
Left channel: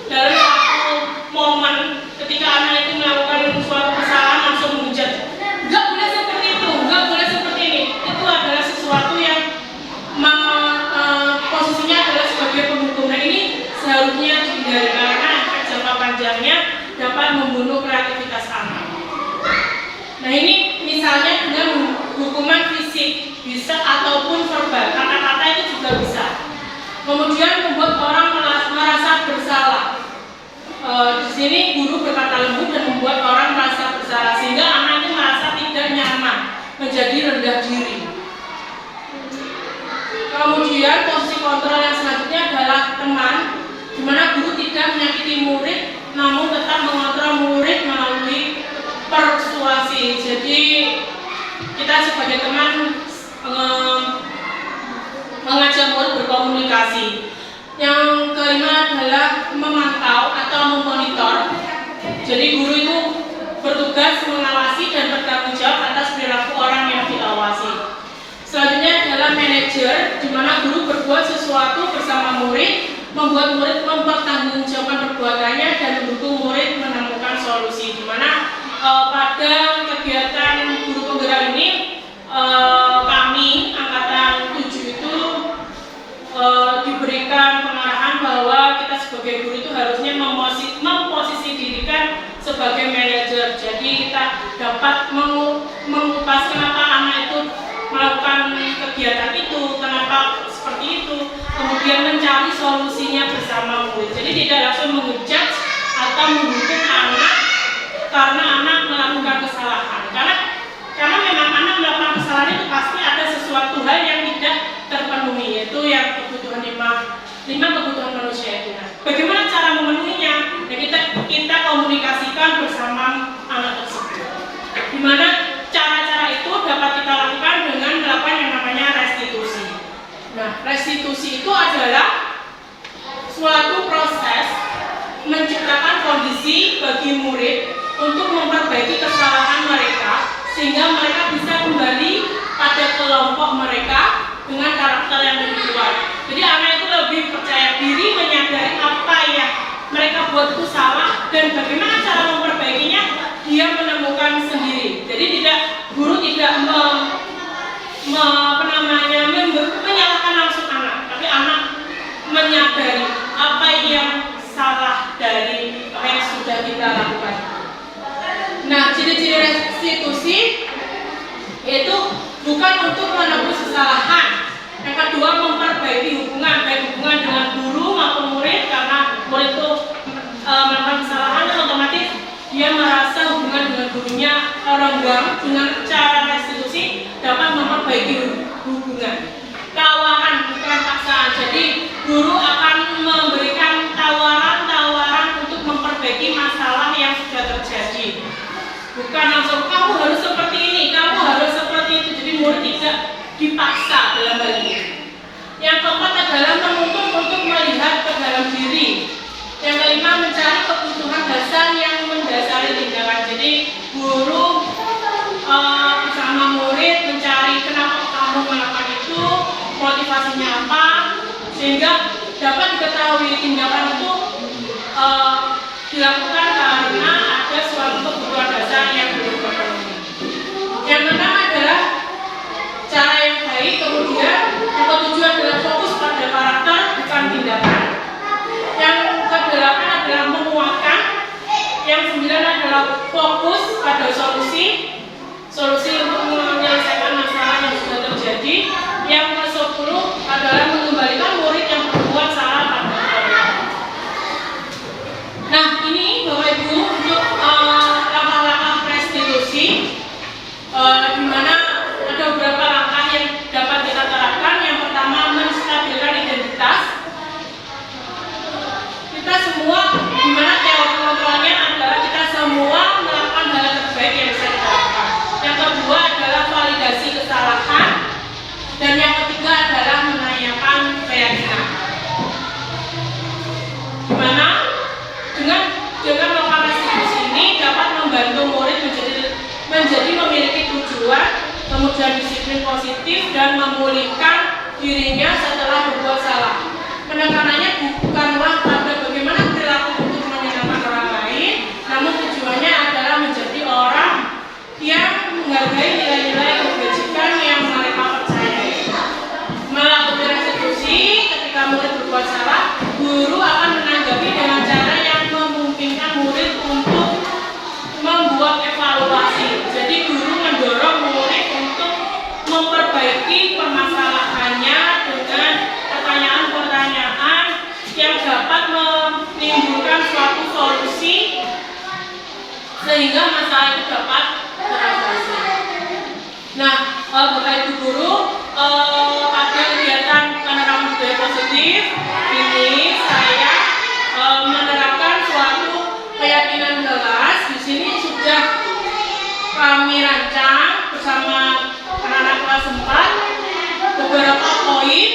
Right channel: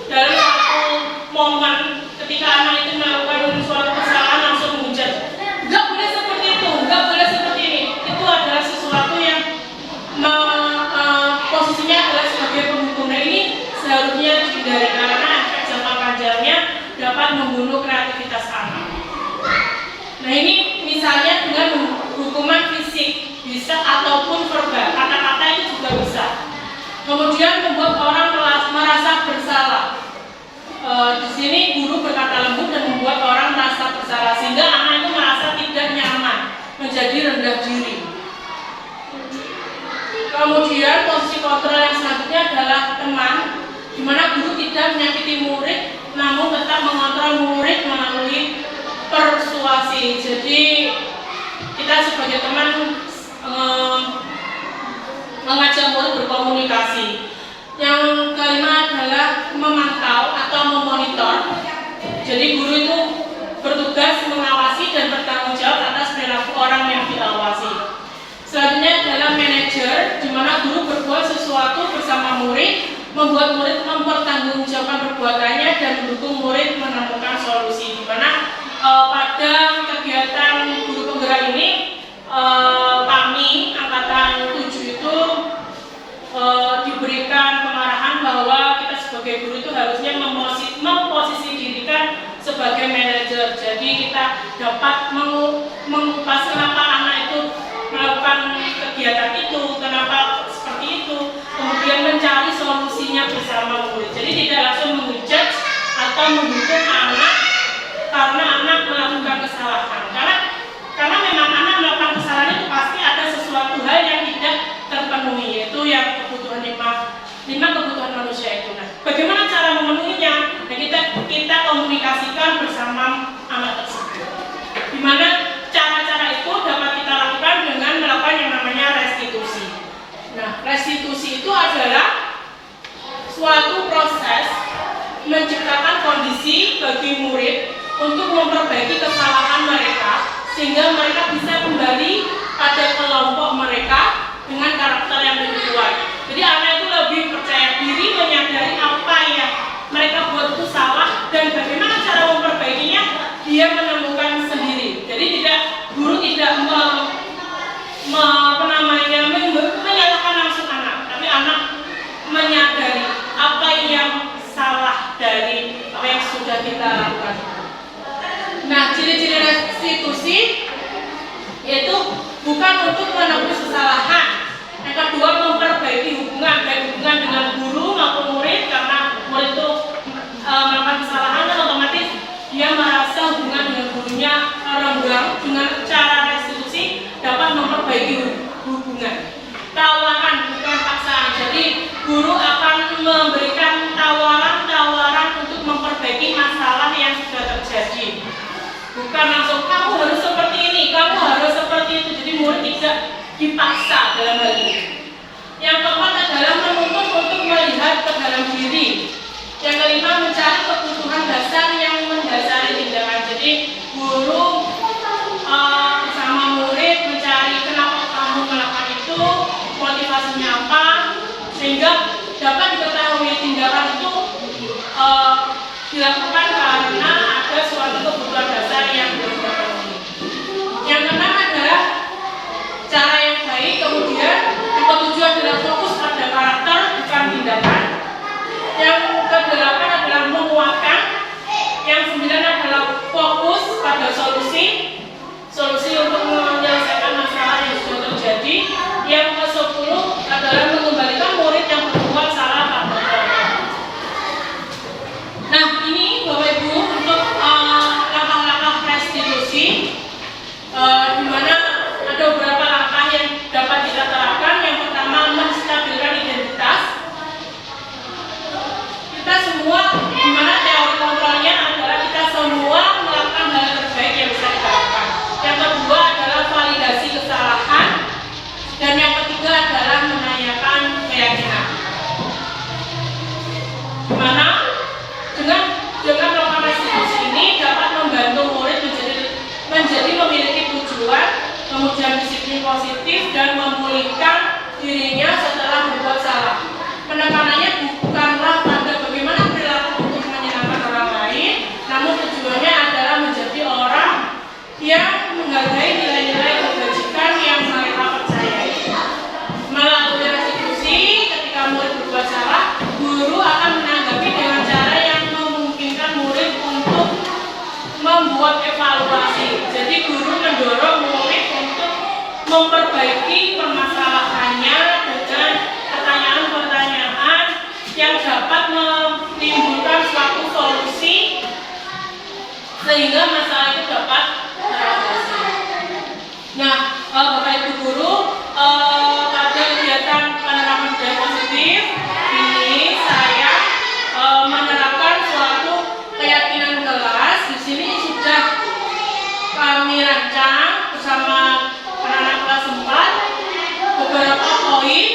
dalam satu momen ketika anak itu melakukan suatu kesalahan langsung menghujat, nggak boleh seperti itu, nggak boleh seperti ini. Itu adalah sesuatu yang posisinya adalah sebagai penghukum. Nah, ini seharusnya dihindari karena efek jangka panjangnya dapat membunuh kreativitas anak. Nah, ini misalnya dengan hukuman fisik bisa ataupun verbal, kata-kata itu juga bisa. Kemudian membuat orang merasa bersalah. Di sini guru berkata lembut dan membuat orang merasa bersalah sehingga anak itu merasa tidak nyaman, menjadi rendah diri. Kemudian posisi kontrol yang selanjutnya adalah teman, di mana guru tidak menyakiti murid, namun tetap mengontrol murid melalui persuasi. Jadi kita sebagai teman mengajak murid berkomunikasi. Yang kelima adalah memantau atau memonitor. Jadi guru itu bertugas mengawasi dan bertanggung jawab atas perilaku orang yang diawasi. Selanjutnya adalah manajer, di mana guru berbuat sesuatu bersama murid, membuat murid mempertanggungjawabkan perbuatannya dan mendukung murid menemukan solusi. Di mana pada kegiatan dapat mengupas kenapa anak itu melakukan kegiatan itu, kenapa seperti itu, kemudian mencari solusinya bersama murid. Jadi tidak langsung menghujat atau menghukum anak karena anak melakukan kesalahan. Karena memang anak melakukan kesalahan itu pasti ada sesuatu hal yang tidak terpenuhi, yaitu yang kebutuhan lima kebutuhan manusia itu. Nah, bagaimana cara memenuhinya? Nah, kita komunikasikan bersama anak tersebut. Di mana cara-cara itu dapat kita lakukan dengan melakukan yang namanya restitusi. Nah, restitusi itu adalah suatu proses menciptakan kondisi bagi murid untuk memperbaiki kesalahan mereka sehingga mereka bisa kembali pada kelompok mereka dengan karakter yang lebih kuat. Jadi anak itu lebih percaya diri, menyadari apa yang mereka buat itu salah dan bagaimana cara memperbaikinya dia menemukan sendiri. Jadi guru tidak menyalahkan langsung anak, tapi anak menyadari apa yang salah dari apa yang sudah kita lakukan. Nah, ciri-ciri restitusi yaitu bukan untuk menebus kesalahan. Yang kedua, memperbaiki hubungan, baik hubungan dengan guru maupun murid, karena murid itu melakukan kesalahan, otomatis dia merasa hubungan dengan gurunya renggang. Dengan cara restitusi dapat memperbaiki hubungan. Tawaran bukan paksaan. Jadi guru akan memberikan tawaran-tawaran untuk memperbaiki masalah yang sudah terjadi. Bukan langsung kamu harus seperti ini, kamu harus seperti itu. Jadi murid tidak dipaksa dalam hal ini. Yang keempat adalah menuntut untuk melihat ke dalam diri. Yang kelima, mencari kebutuhan dasar yang mendasari tindakan. Jadi guru bersama murid mencari kenapa kamu melakukan itu, motivasinya apa, sehingga dapat diketahui tindakan itu dilakukan karena ada suatu kebutuhan dasar yang belum terpenuhi. Yang keenam adalah cara yang baik, kemudian yang ketujuh adalah fokus pada karakter bukan tindakan. Yang kedelapan adalah menguatkan. Yang sembilan adalah fokus pada solusi untuk menyelesaikan masalah yang sudah terjadi. Yang ke-10 adalah mengembalikan murid yang berbuat salah pada orang. Nah, ini Bapak Ibu untuk langkah-langkah restitusi, di mana ada beberapa langkah yang dapat kita terapkan. Yang pertama, menstabilkan identitas. Kita semua, di mana teori kontrolnya adalah kita semua melakukan hal terbaik yang bisa kita lakukan. Yang kedua adalah validasi kesalahan. Dan yang ketiga adalah menanyakan keyakinan. Di mana dengan melakukan restitusi ini dapat membantu murid menjadi memiliki tujuan, kemudian disiplin positif dan memulihkan dirinya setelah berbuat salah. Penekanannya bukanlah pada bagaimana perilaku untuk menyenangkan orang lain, namun tujuannya adalah menjadi orang yang menghargai nilai-nilai kebajikan yang mereka percayai. Melalui restitusi, ketika murid berbuat salah, guru akan menanggapi dengan cara yang memungkinkan murid untuk membuat evaluasi. Jadi guru mendorong murid untuk memperbaiki permasalahannya dengan pertanyaan-pertanyaan yang dapat menimbulkan suatu solusi sehingga masalah itu dapat teratasi. Nah, Bapak Ibu guru, pada kegiatan penerapan budaya positif ini saya menerapkan suatu keyakinan kelas. Di sini sudah kami rancang bersama anak-anak kelas 4 beberapa poin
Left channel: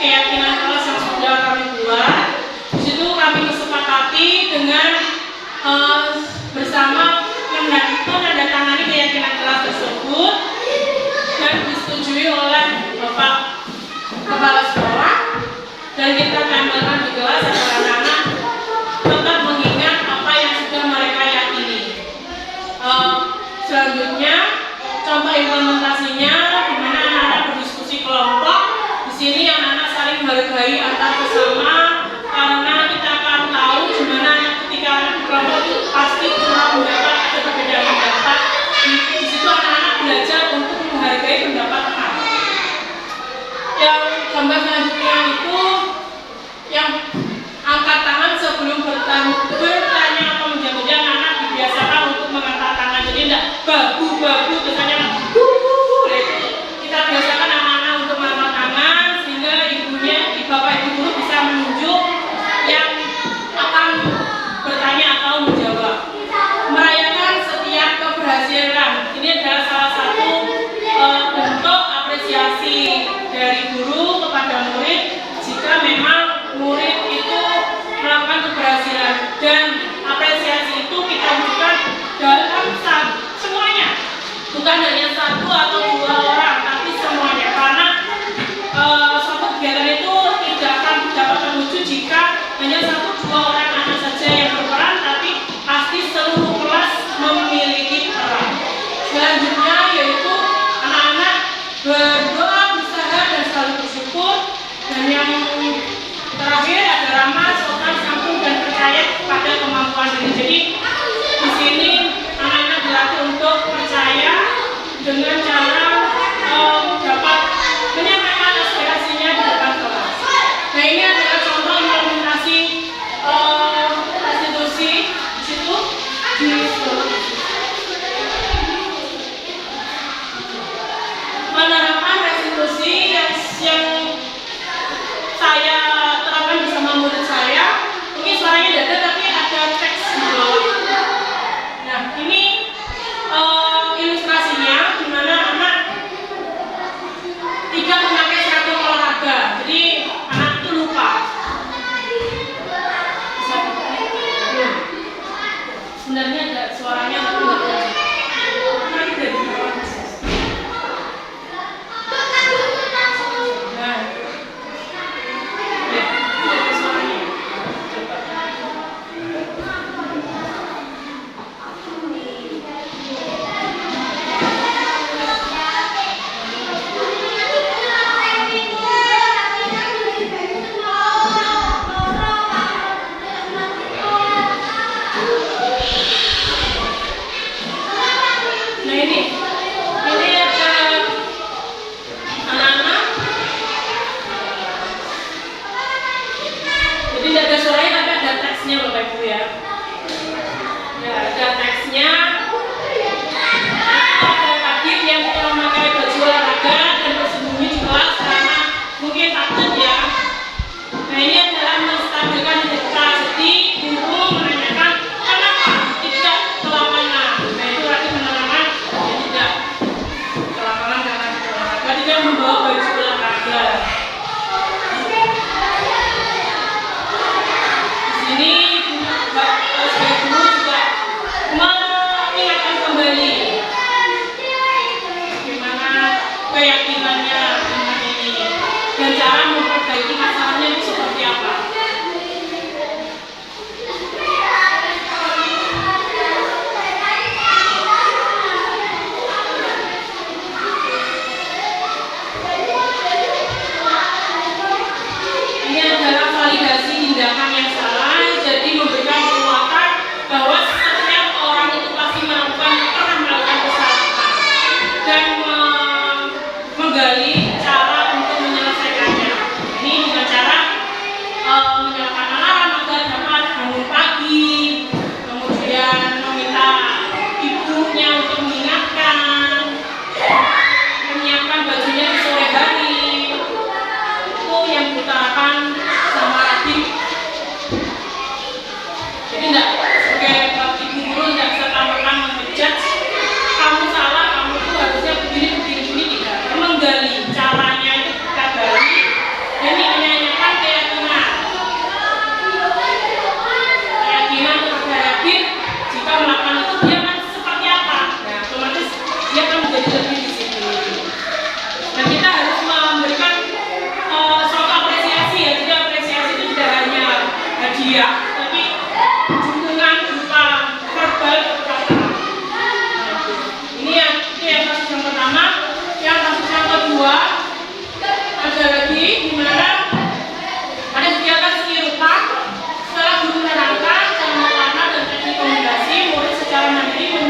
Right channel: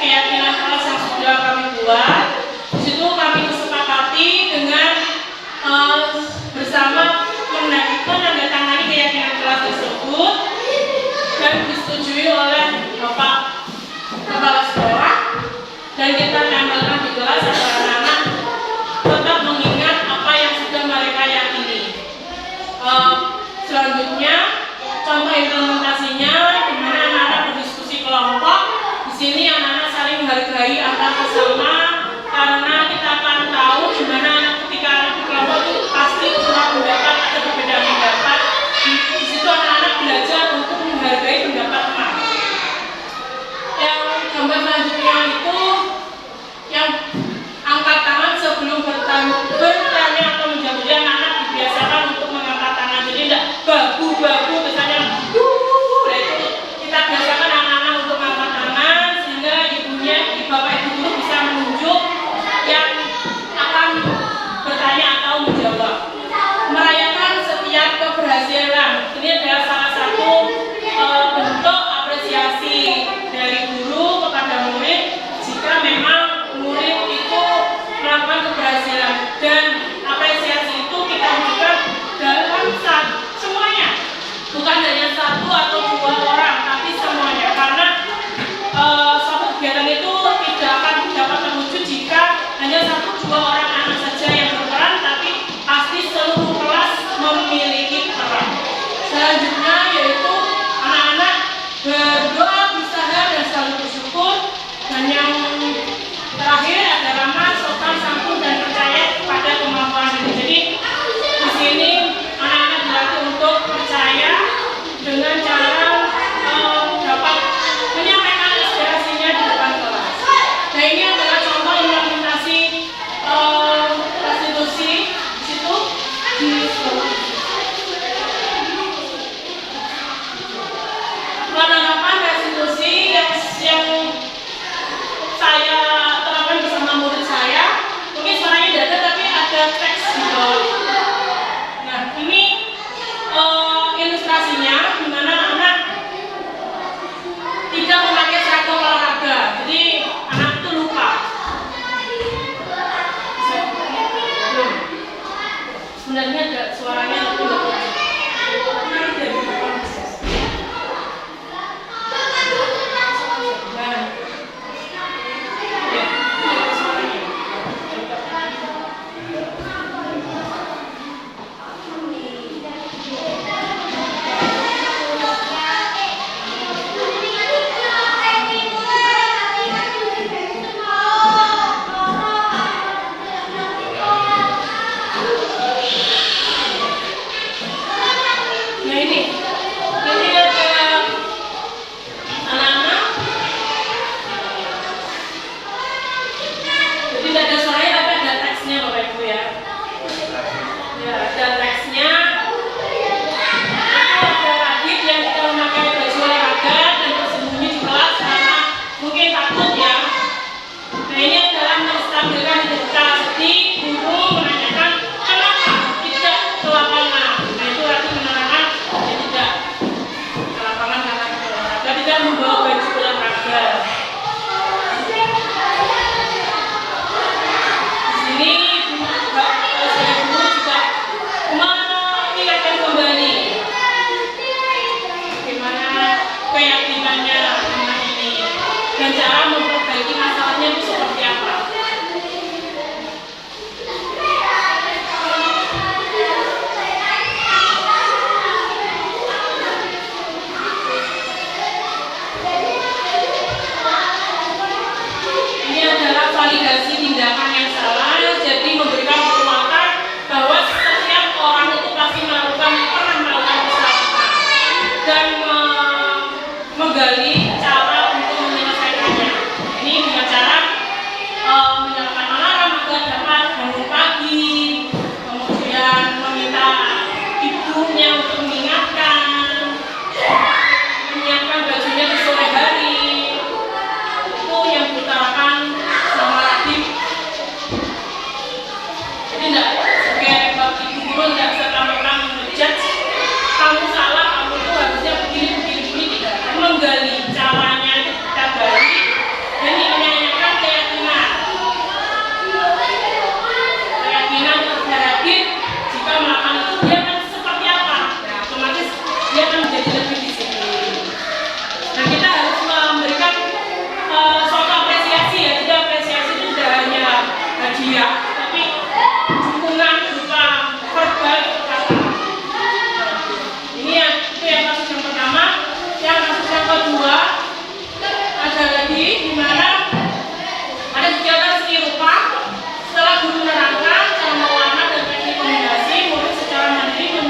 keyakinan kelas yang sudah kami buat. Di situ kami kesepakati dengan bersama menandatangani keyakinan kelas tersebut dan disetujui oleh Bapak Kepala Sekolah, dan kita tempelkan di kelas agar anak-anak tetap mengingat apa yang sudah mereka yakini. Selanjutnya contoh implementasinya, di mana anak-anak berdiskusi kelompok. Di sini anak-anak saling menghargai antar sesama, karena kita akan tahu di mana ketika anak di kelompok itu pasti punya pendapat atau perbedaan pendapat, bukan hanya satu atau dua orang, tapi semuanya, karena suatu kegiatan itu tidak akan dapat terwujud jika hanya satu dua orang anak saja yang berperan, tapi pasti seluruh kelas memiliki peran. Selanjutnya yaitu anak-anak berdoa, berusaha, dan selalu bersyukur. Dan yang terakhir ada ramah, sopan, santun, dan percaya pada kemampuan diri. Jadi di sini anak-anak dilatih untuk percaya dengan cara dapat menyampaikan aspirasinya di depan kelas. Nah, ini adalah contoh implementasi restitusi di situ di penerapan restitusi yang saya terapkan bersama murid saya. Mungkin suaranya tidak ada, tapi ada teks di bawah. Nah, ini ilustrasinya di mana anak tidak memakai seragam olahraga, jadi anak itu lupa. Belum. Sebenarnya ada suaranya tapi nggak ada. Nanti dari bawah. Nah, ya, ada suaranya. Nah, ini ada anak-anak. Jadi tidak ada suaranya tapi ada teksnya Bapak Ibu ya. Ya, ada teksnya. Ada Adit yang memakai baju olahraga dan bersembunyi di kelas karena mungkin takut ya. Nah, ini adalah menstabilkan identitas. Jadi guru menanyakan kenapa tidak ke lapangan. Nah, itu berarti menanyakan ya tidak ke lapangan karena olahraga, tidak membawa baju olahraga. Di sini sebagai guru juga mengingatkan kembali bagaimana keyakinannya anak ini dan cara memperbaiki masalahnya itu seperti apa. Ini adalah validasi tindakan yang salah, jadi memberikan penguatan bahwa setiap orang itu pasti pernah melakukan kesalahan dan menggali cara untuk menyelesaikannya. Ini dengan cara menyalakan alarm agar dapat bangun pagi, kemudian meminta ibunya untuk mengingatkan, menyiapkan bajunya di sore hari. Itu yang diutarakan sama adik. Jadi tidak sebagai ibu guru tidak serta-merta mengejudge kamu salah, kamu tuh harusnya begini tidak. Menggali caranya itu kita gali dan menanyakan keyakinan kepada Adit jika melakukan itu dia akan seperti apa. Nah, otomatis dia akan menjadi lebih disiplin. Dan kita harus memberikan suatu apresiasi ya. Jadi apresiasi itu tidak hanya hadiah, tapi dukungan berupa verbal atau kata. Ini yang kasus yang pertama. Yang kasus yang kedua ada lagi di mana ada kegiatan seni rupa. Setelah guru menerangkan cara mewarna dan teknik kombinasi, murid secara mandiri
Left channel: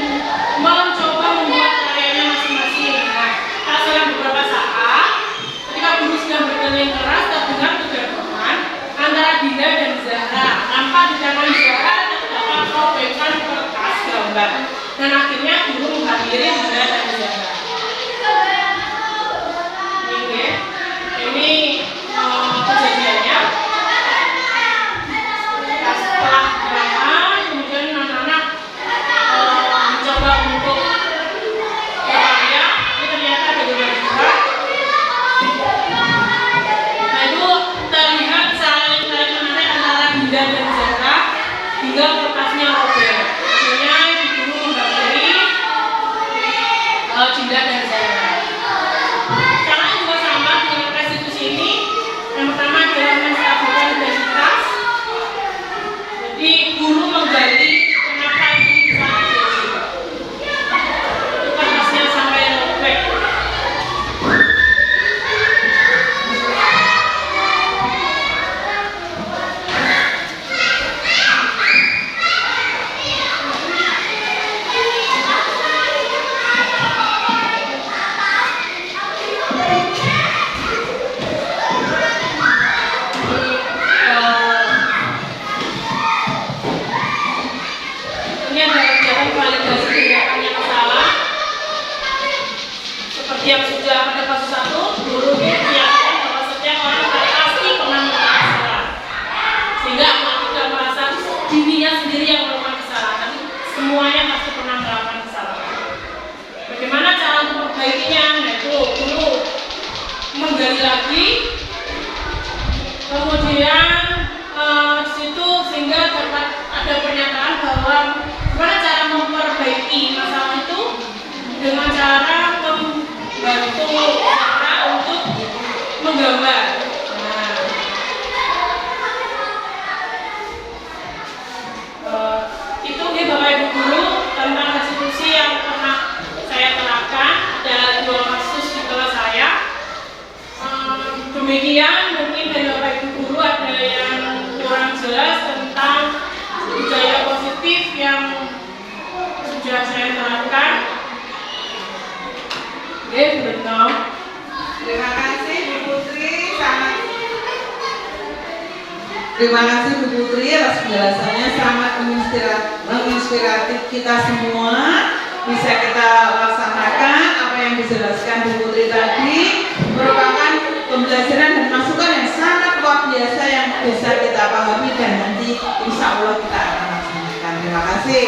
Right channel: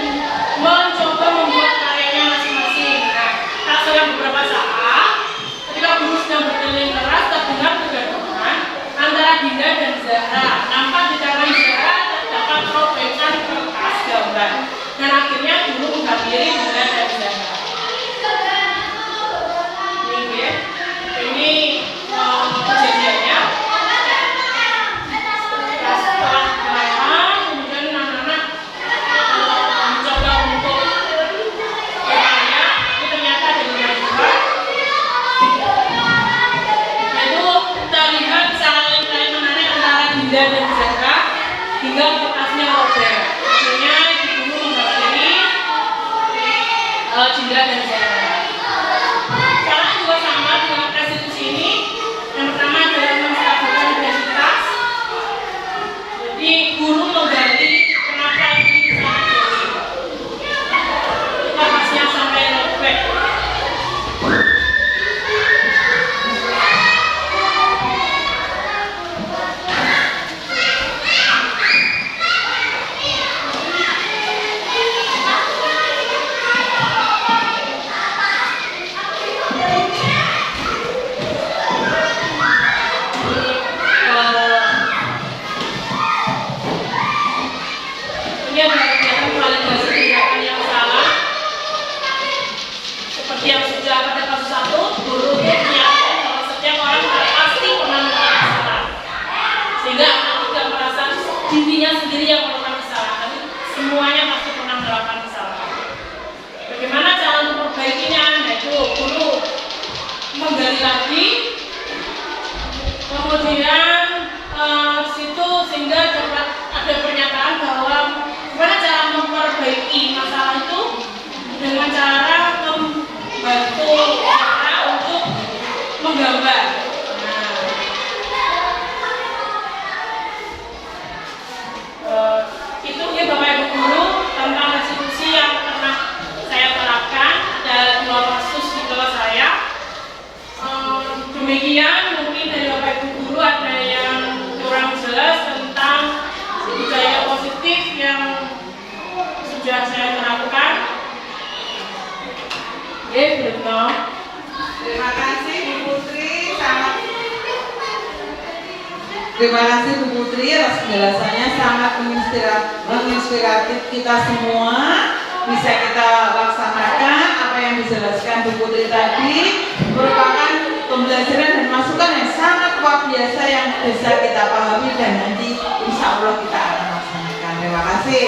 mencoba membuat karyanya masing-masing. Nah, setelah beberapa saat, ketika guru sedang berkeliling keras, terdengar kegaduhan antara Dinda dan Zahra. Nampak di tangan Zahra terdapat robekan kertas gambar. Dan akhirnya guru menghampiri Dinda dan Zahra. Ini kejadiannya. Setelah kenalan, kemudian anak-anak mencoba untuk berkarya. Itu ternyata ada beberapa juga. Nah, itu kita lihat saling menarik antara Dinda dan Zahra hingga kertasnya robek. Akhirnya ibu guru menghampiri Dinda dan saya. Caranya juga sama dengan restitusi ini. Yang pertama adalah menstabilkan identitas. Jadi guru menggali kenapa ini bisa terjadi. Kita pasnya sampai back. Ini adalah kegiatan validasi tindakan yang salah. Seperti yang sudah pada kasus 1, guru meyakinkan bahwa setiap orang pasti pernah melakukan kesalahan. Sehingga anak tidak merasa dirinya sendiri yang melakukan kesalahan. Semuanya pasti pernah melakukan kesalahan. Bagaimana cara untuk memperbaikinya? Yaitu guru menggali lagi, kemudian situ sehingga dapat ada pernyataan bahwa gimana cara memperbaiki masalah itu dengan cara membantu mereka untuk menggambar. Itu ya Bapak Ibu guru tentang restitusi yang pernah saya terapkan. Ada 2 kasus di kelas saya. Demikian mungkin dari Bapak Ibu guru ada yang kurang jelas tentang budaya positif yang sudah saya terapkan. Oke, Bruno. Terima kasih Bu Putri, terima kasih Bu Putri atas penjelasannya sangat menginspiratif kita semua. Bisa kita laksanakan apa yang dijelaskan Bu Putri tadi, merupakan pembelajaran dan masukan yang sangat luar biasa yang bisa kita pahami dan nanti insya Allah kita akan laksanakan. Terima kasih.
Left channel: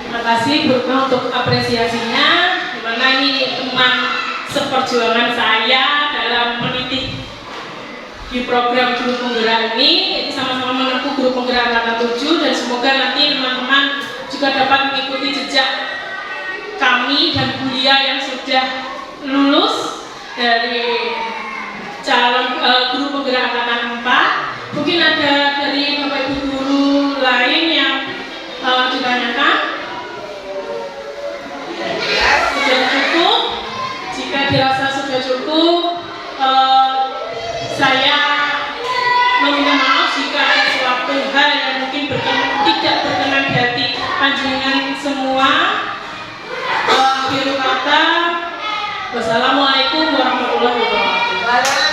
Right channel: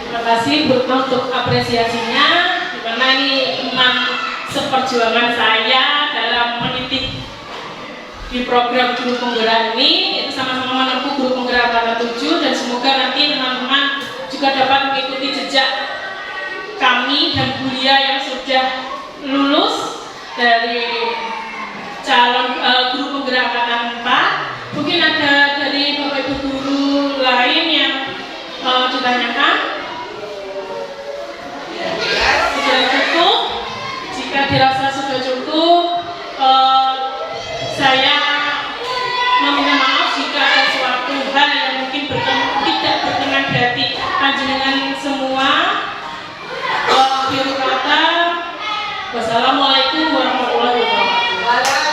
Terima kasih Bruno untuk apresiasinya. Dimana ini teman seperjuangan saya dalam mendidik di program guru penggerak ini, itu sama-sama menempuh guru penggerak angkatan 7, dan semoga nanti teman-teman juga dapat mengikuti jejak kami dan Bulia yang sudah lulus dari calon guru penggerak angkatan 4. Mungkin ada dari Bapak Ibu guru lain yang ditanyakan. Sudah cukup? Jika dirasa sudah cukup, saya meminta maaf jika ada suatu hal yang mungkin tidak berkenan di hati panjenengan semua. Akhir kata, wassalamualaikum warahmatullahi wabarakatuh.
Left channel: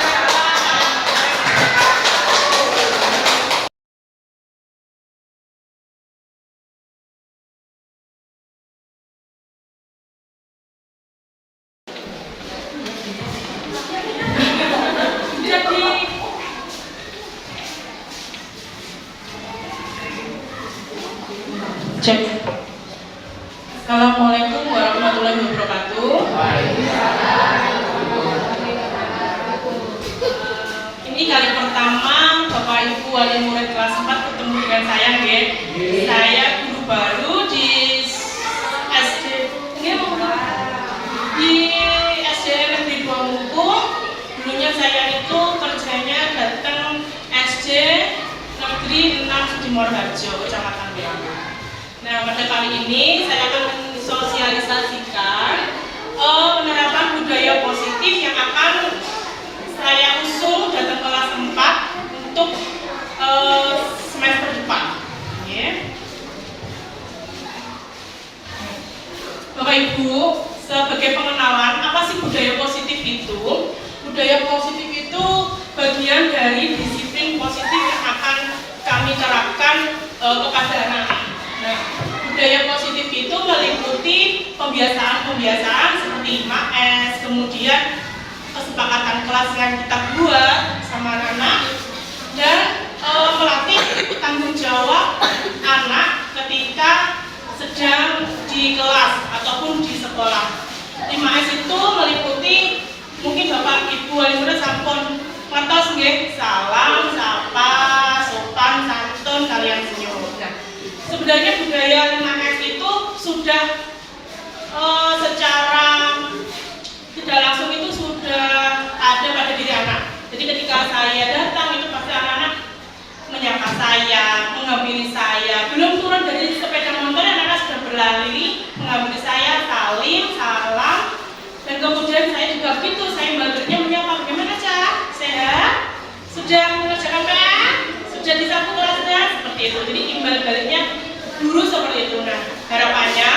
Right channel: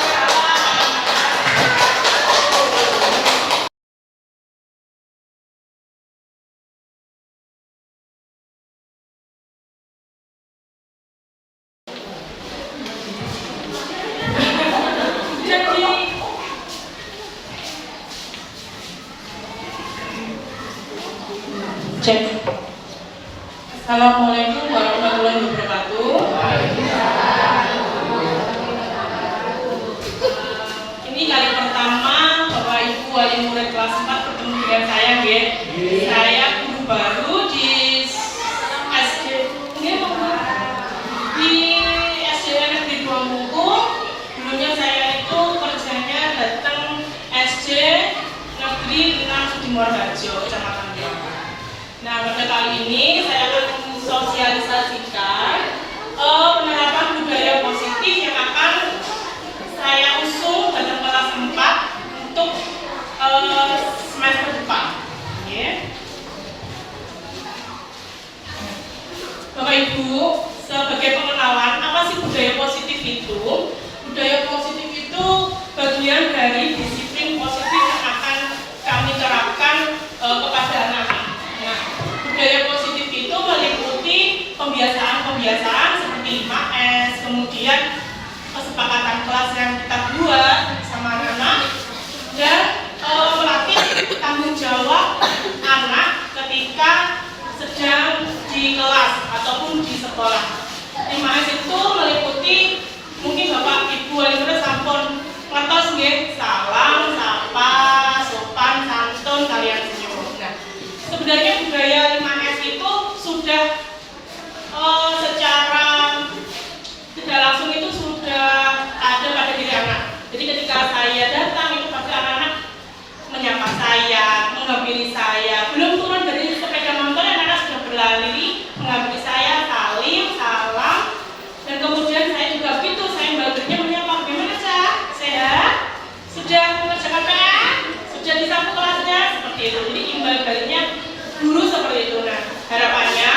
Cek. Assalamualaikum warahmatullahi wabarakatuh. Ini kali pertama Bapak Ibu wali murid kelas 4 ketemu dengan saya, nggih. Saya guru baru di SD. Nggih, di SDN di Buangmuku. Dulunya saya itu kerjanya datang SD Negeri 6 Sudimorharjo, Kecamatan Buangmuku. Nah, pada kali ini saya akan sosialisasikan penerapan budaya positif yang akan saya usung dalam kelas 4 untuk semester depan. Bapak Ibu, sebagai pengenalan, apa sih budaya positif itu? Budaya positif itu bagian dari disiplin positif yang akan kami terapkan kepada anak-anak. Nah, budaya positif itu meliputi pembiasaan-pembiasaan seperti 5S, kemudian kesepakatan kelas yang kita buat sama anak, dan melatih tanggung jawab anak ketika sedang di kelas ataupun di sekolah. 5S itu meliputi, mungkin Bapak Ibu wali murid sampun ngertos nggih, salam, sapa, sopan, santun, kalian senyum. Nah, sebenarnya budaya 5S itu sudah ketika saya datang itu pasti anak-anak menyapa saya, menghampiri saya. Belum turun dari sepeda motor, anak-anak sudah berlari menghampiri saya, salam. Dan kemudian saya juga begitu, saya baliknya menyapa, bagaimana Cak? Sehat? Sudah mengerjakan PR? Sudah disapu kelasnya? Seperti itu. Jadi imbal baliknya guru seperti itu. Nah, harapannya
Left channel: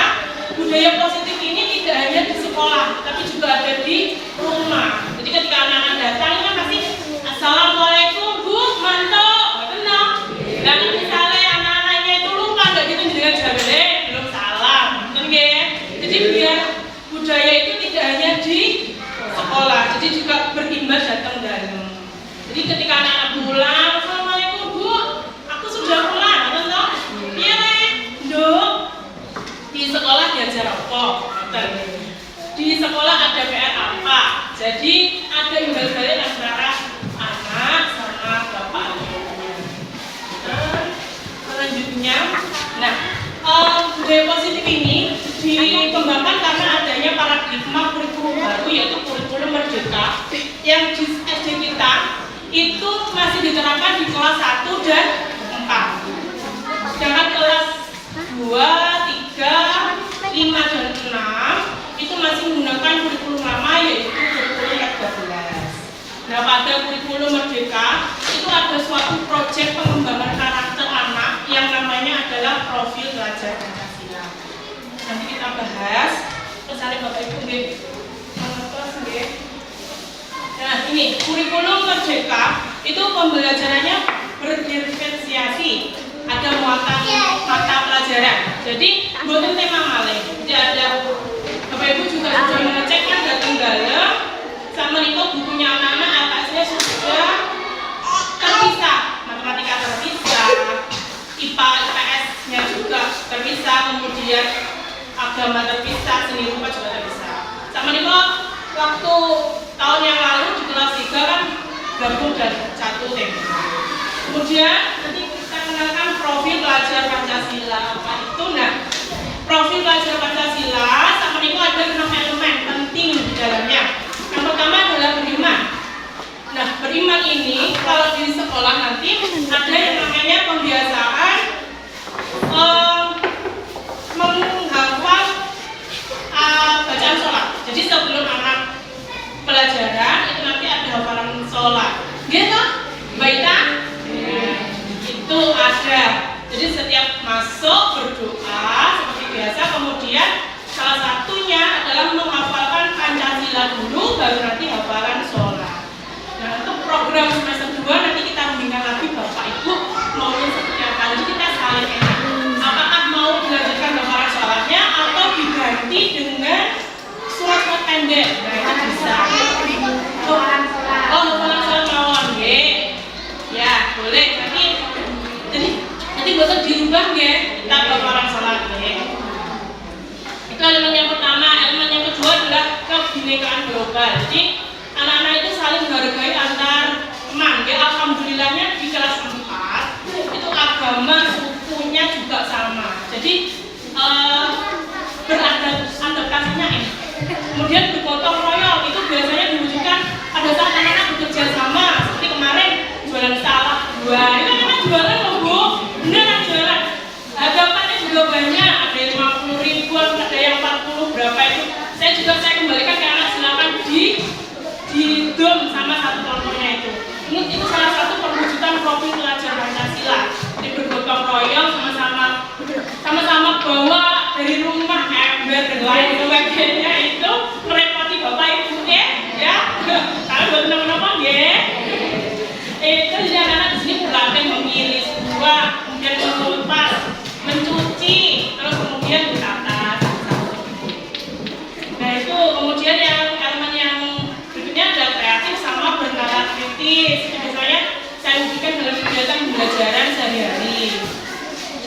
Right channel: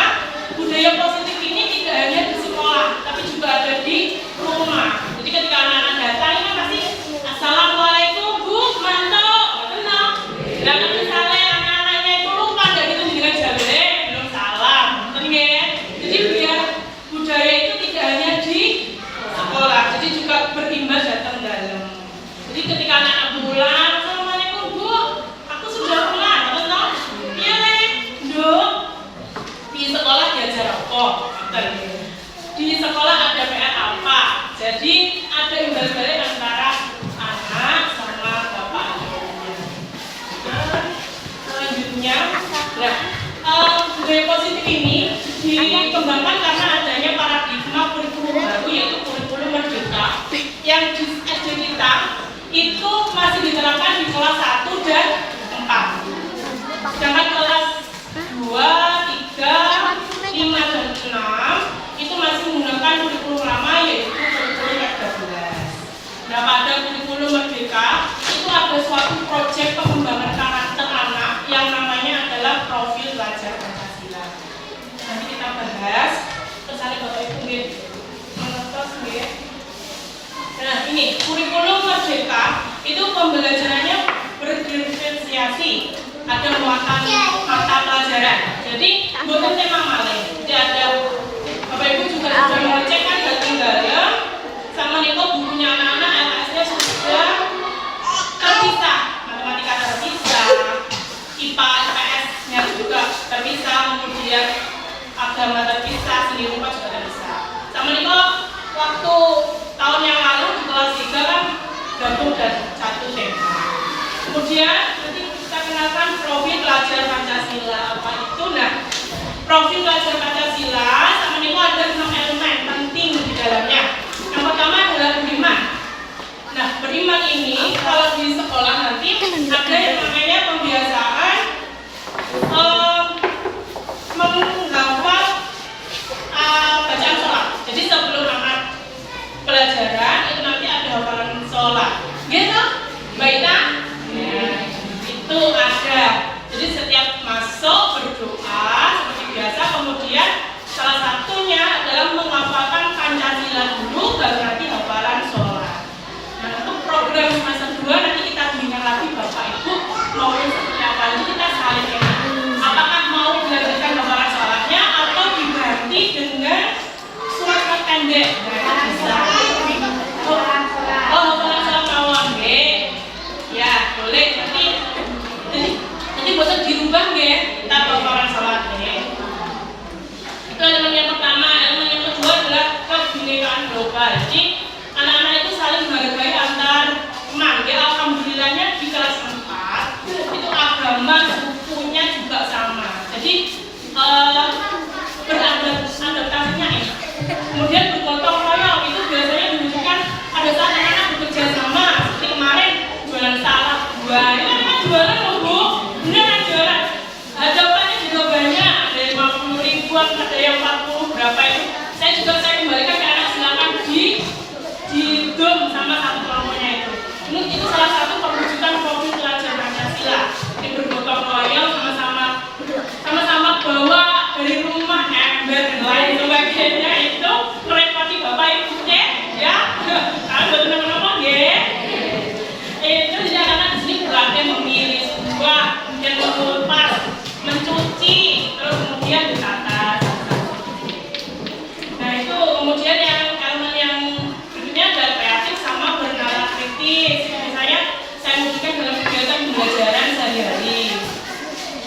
budaya positif ini tidak hanya di sekolah, tapi juga ada di rumah. Jadi ketika anak-anak datang kan pasti assalamualaikum Bu, mantap, tenang. Dan misalnya anak-anaknya itu lupa nggak gitu dengan jabele, belum salam, betul ya? Jadi biar budaya itu tidak hanya di sekolah, jadi juga berimbas datang dalam. Jadi ketika anak-anak pulang, assalamualaikum Bu, aku sudah pulang, tenang. Iya nih, Dok. Di sekolah diajar apa? Di sekolah ada PR apa? Jadi ada imbal balik antara anak sama bapaknya. Selanjutnya, budaya positif ini dikembangkan karena adanya paradigma kurikulum baru, yaitu kurikulum merdeka yang di SD kita itu masih diterapkan di kelas 1 dan 4. Sedangkan kelas 2, 3, 5, dan 6 itu masih menggunakan kurikulum lama, yaitu kurikulum 13. Nah, pada kurikulum merdeka itu ada suatu proyek pengembangan karakter anak yang namanya adalah profil pelajar Pancasila. Nanti kita bahas. Pesan Bapak Ibu nggih. Nah, ini kurikulum merdeka itu pembelajarannya berdiferensiasi. Ada muatan mata pelajaran. Jadi bukan tema malih. Jadi ada Bapak Ibu juga sudah mengecek kan nggak tinggalan sama Niko bukunya anak-anak atasnya sudah terpisah, matematika terpisah, IPA IPS-nya juga terpisah, kemudian agama terpisah, seni rupa juga terpisah. Sama Niko waktu tahun yang lalu di kelas 3 kan gabung dan satu tema. Kemudian nanti kita kenalkan profil pelajar Pancasila apa itu. Nah, profil pelajar Pancasila sama Niko ada 6 elemen penting di dalamnya. Yang pertama adalah beriman. Nah, beriman ini kalau di sekolah nanti ada yang namanya pembiasaan menghafal bacaan sholat. Jadi sebelum anak pelajaran itu nanti ada hafalan sholat. Gitu, baiknya itu ada. Jadi setiap masuk berdoa seperti biasa, kemudian salah satunya adalah menghafalkan Pancasila dulu, baru nanti hafalan sholat. Nah, untuk program semester 2 nanti kita bimbingan lagi Bapak Ibu maunya seperti apa. Jadi kita saling enak. Apakah mau dilanjutkan hafalan sholatnya atau diganti dengan surat pendek? Nah, itu bisa. Oh, hafalan sholat mawon, ya boleh. Nanti bosan dirubah kita hafalan sholat. Itu elemen yang pertama. Elemen yang kedua adalah kebinekaan global. Jadi anak-anak itu saling menghargai antar teman. Alhamdulillahnya di kelas 4 itu agama sukunya juga sama. Jadi beradaptasinya ini. Kemudian bergotong royong itu biasanya diwujudkan pada saat anak-anak bekerja sama. Seperti kemarin jualan salad buah. Itu memang jualan loh Bu. Beneran jualan. Hadapannya juga banyak. Ada yang 50 ribuan, ada yang 40 berapa itu. Saya kembalikan ke anak, silakan di dom sama satu kelompoknya itu. Itu salah satu perwujudan profil pelajar Pancasila. Jadi bergotong royong sama-sama bawa dari rumah ember dan lain sebagainya itu merepoti Bapak Ibu ya. Kalau buat teman-teman itu jadi anak-anak di sini berlatih memilih buah, kemudian mengupas, mencuci, terus kemudian ditata. Nah itu kemudian yang elemen yang berikutnya adalah kreatif sama bernalar kritis. Misalnya saya wujudkan dalam kegiatan pembelajaran sehari-hari.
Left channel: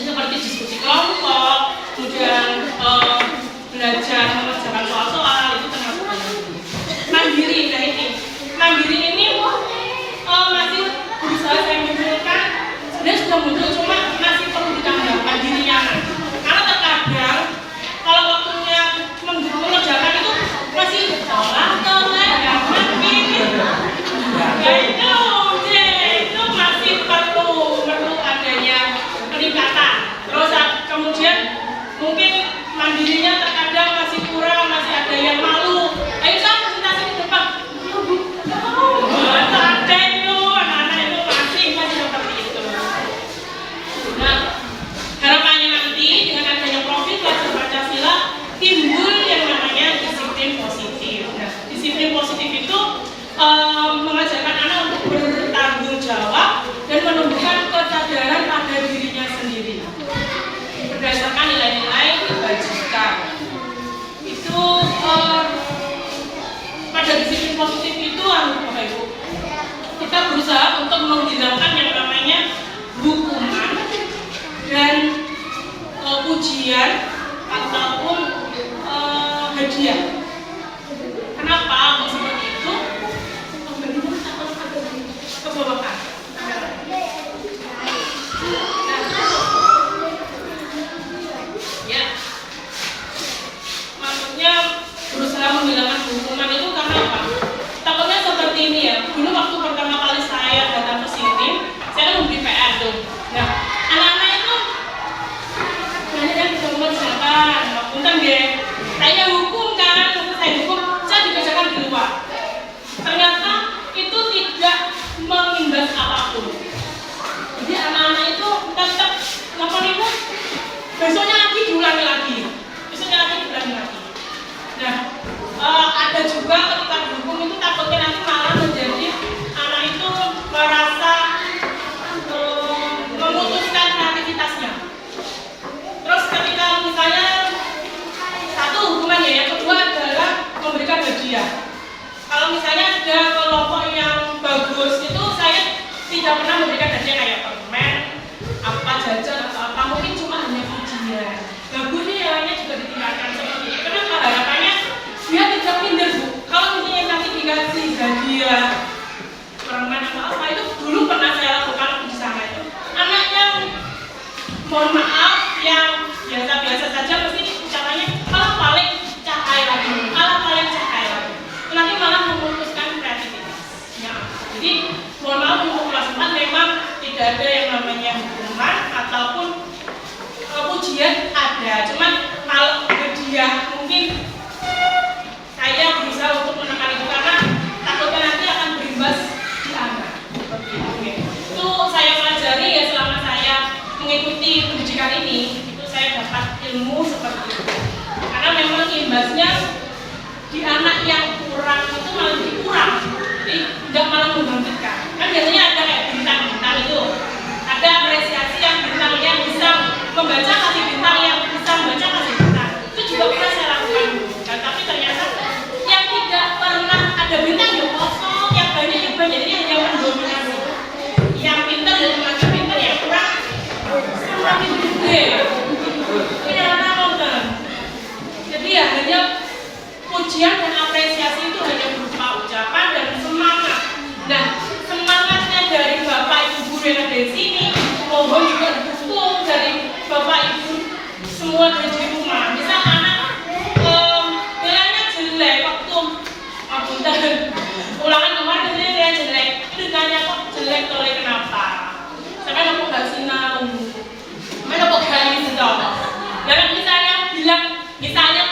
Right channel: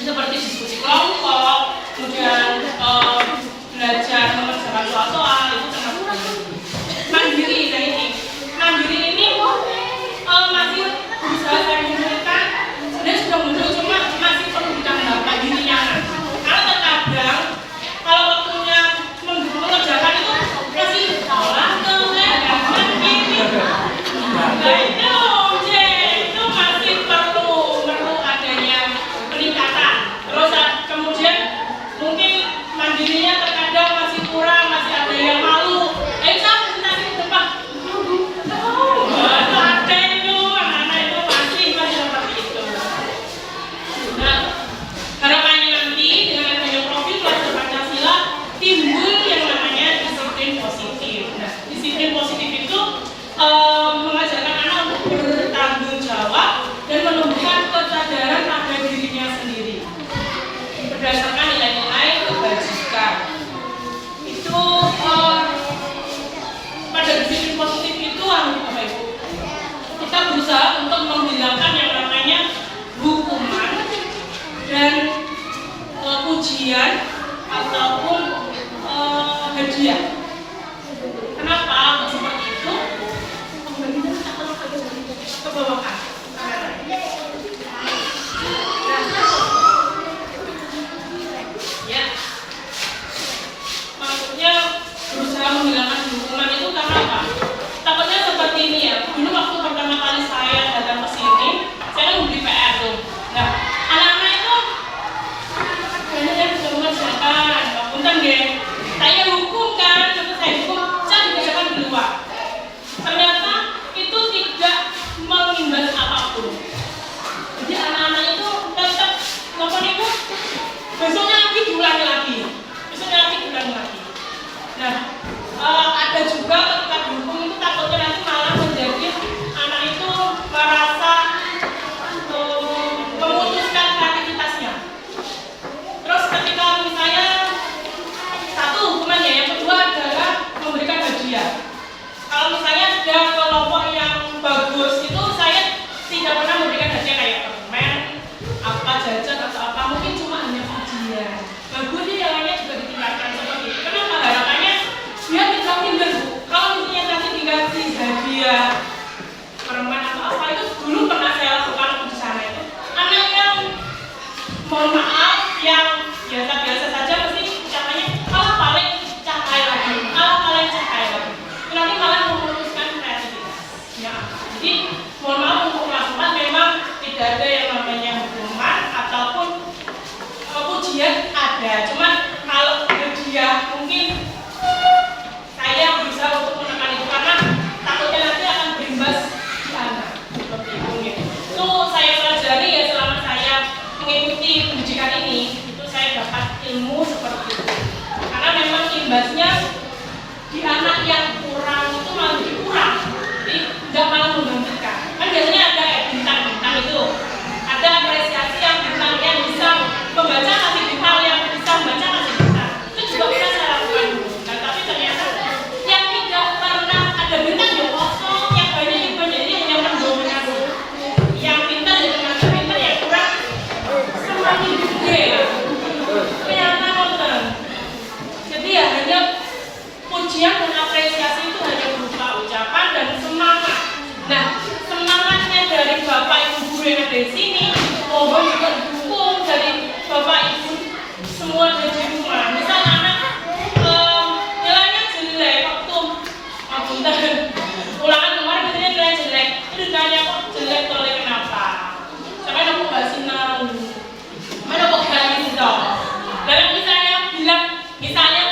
Seperti diskusi kelompok, kemudian belajar mengerjakan soal-soal itu termasuk mandiri. Nah ini mandiri ini masih berusaha saya munculkan. Sebenarnya sudah muncul, cuma masih perlu ditambah mandirinya. Karena terkadang kalau waktunya mengerjakan itu masih salah tengah ini. Nah itu itu pada disiplin positif itu Bapak Ibu, kita berusaha untuk menghilangkan yang namanya hukuman dan pujian ataupun hadiah. Kenapa seperti itu? Kebawakan. Ya, maksudnya berusaha menghilangkan hukuman itu karena apa? Takutnya seperti ini ya. Dulu waktu pertama kali saya datang ke sini, saya kan membeli PR tuh. Nah, anak-anak itu banyak yang berubah disangkan, punten deh. Saya hukum kan, terus saya hukum, saya dikerjakan di luar. Ternyata itu tidak mengimbas apapun. Jadi anak-anak itu tetap lakukan itu. Besoknya lagi diulangi lagi. Nah, ada juga ketika dihukum itu takutnya nanti malah menjadi anak itu merasa memutuskan kreativitasnya. Terus ketika misalnya satu hukumannya, yang kedua adalah memberikan hadiah. Kalau misalnya ada kelompok yang bagus itu saya tidak pernah memberikan hadiah kayak permen, apa jajan atau apa, mungkin cuma hanya pujian. Bagus nih jalannya juga ditingkatkan seperti itu. Kenapa? Harapannya dia tidak minder Bu. Kalau misalnya nanti dikasih hadiah permen atau apa, itu dulu pernah saya lakukan di sana itu. Anak yang mohon maaf yang biasa-biasa saja mesti caranya kalau paling cakai lagi, nanti malah memutuskan kreativitasnya. Jadi mohon maaf untuk kelas 4 memang tidak ada yang namanya hukuman ataupun pujian ada, cuman kalau hadiah mungkin saya berusaha untuk menekan itu karena takutnya nanti akan berimbas di anak. Itu saya pelajari ya selama saya mengikuti pendidikan ini, itu saya dapat ilmu seperti itu. Karena memang imbasnya di anak yang kurang itu malah lebih kurang, jadi tidak malah menggantikan. Kan biasanya ada kayak bintang-bintang itu, ada apresiasi yang bintang yang bisa membaca kasih bintang, yang bisa membaca kasih bintang. Itu juga pernah saya lakukan dulu. Nah, tapi ternyata yang tidak pernah ada bintang ya kosong, yang banyak jadi hanya mendominasi. Yang pintar ya cuma pintar, yang kurang semakin gede. Ternyata nonton. Jadi ya hanya pujian dan apresiasi itu hanya berupa ucapan dan semangat. Nah, semangatnya dari Bapak Ibu guru yang ada di sini, mohon juga didukung dari Bapak Ibu semua dari rumah. Misal anak nilainya jelek waktu ulangan kemarin nilainya jelek, itu ditanya kok jelek oleh kenapa? Sampai aku nggak sinau, mana kok berani dong? Dan misalnya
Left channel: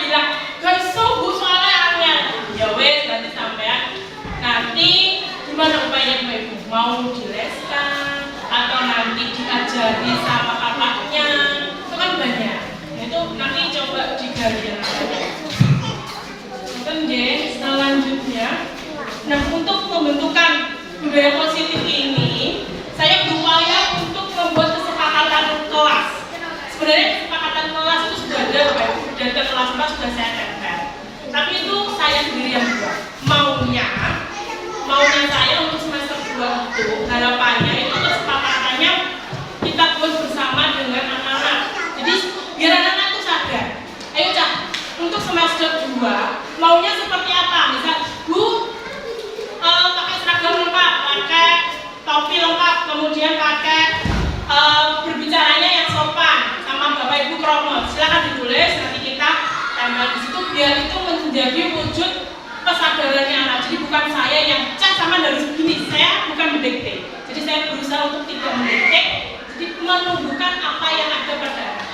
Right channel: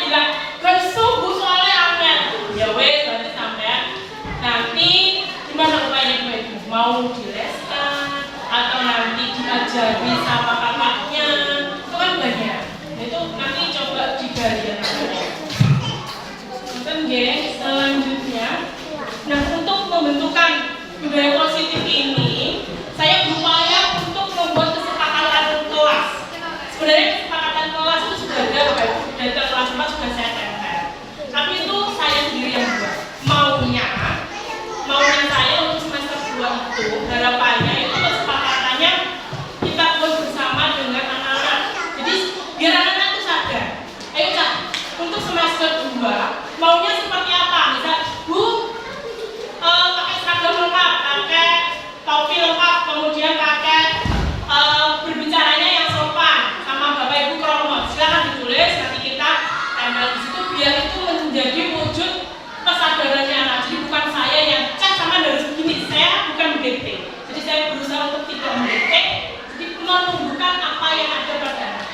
bilang kan sungguh soalnya angin, ya wes nanti sampean nanti gimana upaya ibu mau dileskan atau nanti diajari sama kakaknya, itu kan banyak. Nah, itu nanti coba digali yang ada. Kemudian selanjutnya, nah untuk membentukan budaya positif ini, saya berupaya untuk membuat kesepakatan kelas. Sebenarnya kesepakatan kelas itu sudah ada, dari kelas 4 sudah saya tempel. Tapi itu saya sendiri yang buat. Maunya saya untuk semester 2 itu harapannya itu kesepakatannya kita buat bersama dengan anak-anak. Jadi biar anak-anak itu sadar. Ayo Cak, untuk semester 2 maunya seperti apa? Misal Bu pakai seragam lengkap, pakai topi lengkap, kemudian pakai berbicaranya yang sopan sama Bapak Ibu Kromot. Silakan ditulis, nanti kita tempel di situ biar itu menjadi wujud kesadarannya anak. Jadi bukan saya yang Cak sama harus begini, saya bukan mendikte. Jadi saya berusaha untuk tidak mendikte, jadi menunjukkan apa yang ada pada anak.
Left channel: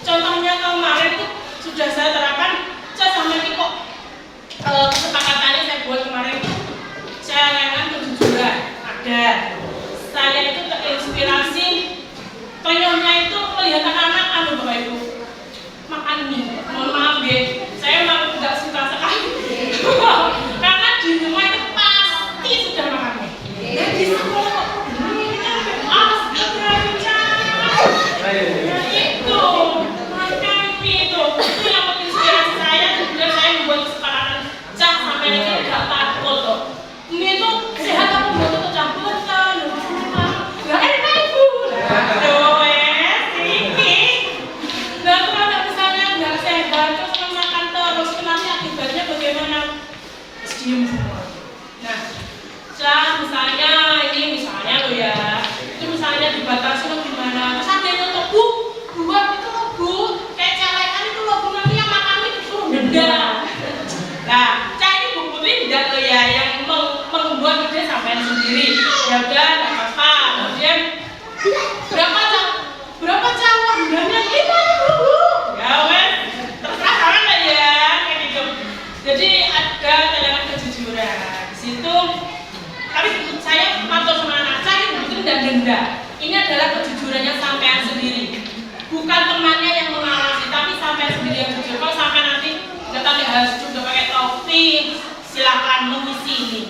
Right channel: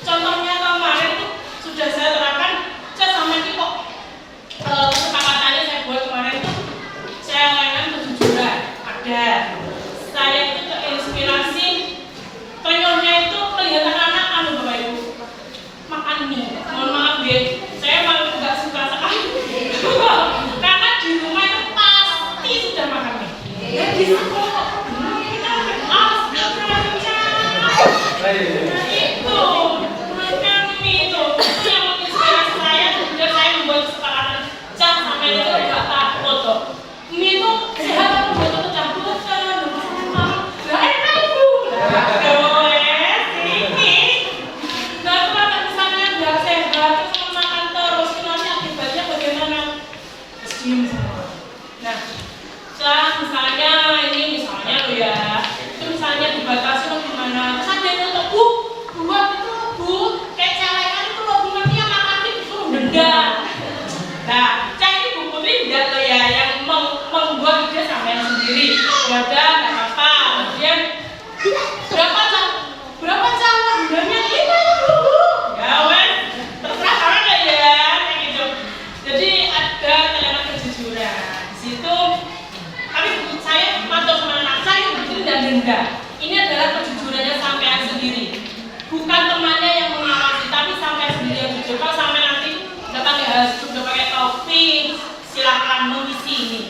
Contohnya kemarin itu sudah saya terapkan, Cak sama ini kok kesepakatannya saya buat kemarin itu saya layanan kejujuran ada. Saya itu terinspirasi penyoknya itu melihat anak-anak Bapak Ibu makan mie. Mohon maaf ya, saya malah tidak suka sekali karena di rumah itu pasti sudah makan mie. Jadi semua itu makan mie itu yang menginspirasi diem semua. Nah, misalnya loh ya, itu misalnya dibatasi loh gimana, terus ada yang nonton, bu, kayak celekan itu loh, bu, nanti yang makan itu suruh denda. Nah, saya ini Bu Putri tidak loh ya, yang membuat ide sampean sendiri. Ya udah, nggak apa-apa. Kemudian berapa calon bulannya 50, Bu? Ya wes, terserah kalian ya, kayak gitu. Jadi ada cadangan kejujuran di situ. Tapi saya pantau sama anak saya itu tidak denda. Ini adalah kejujurannya sampean sendiri, bukan temannya yang mengawasi, tapi sampean sendiri yang jujur. Kalau sampean nanti datang harus sudah pakai topi, silakan mengisi ini.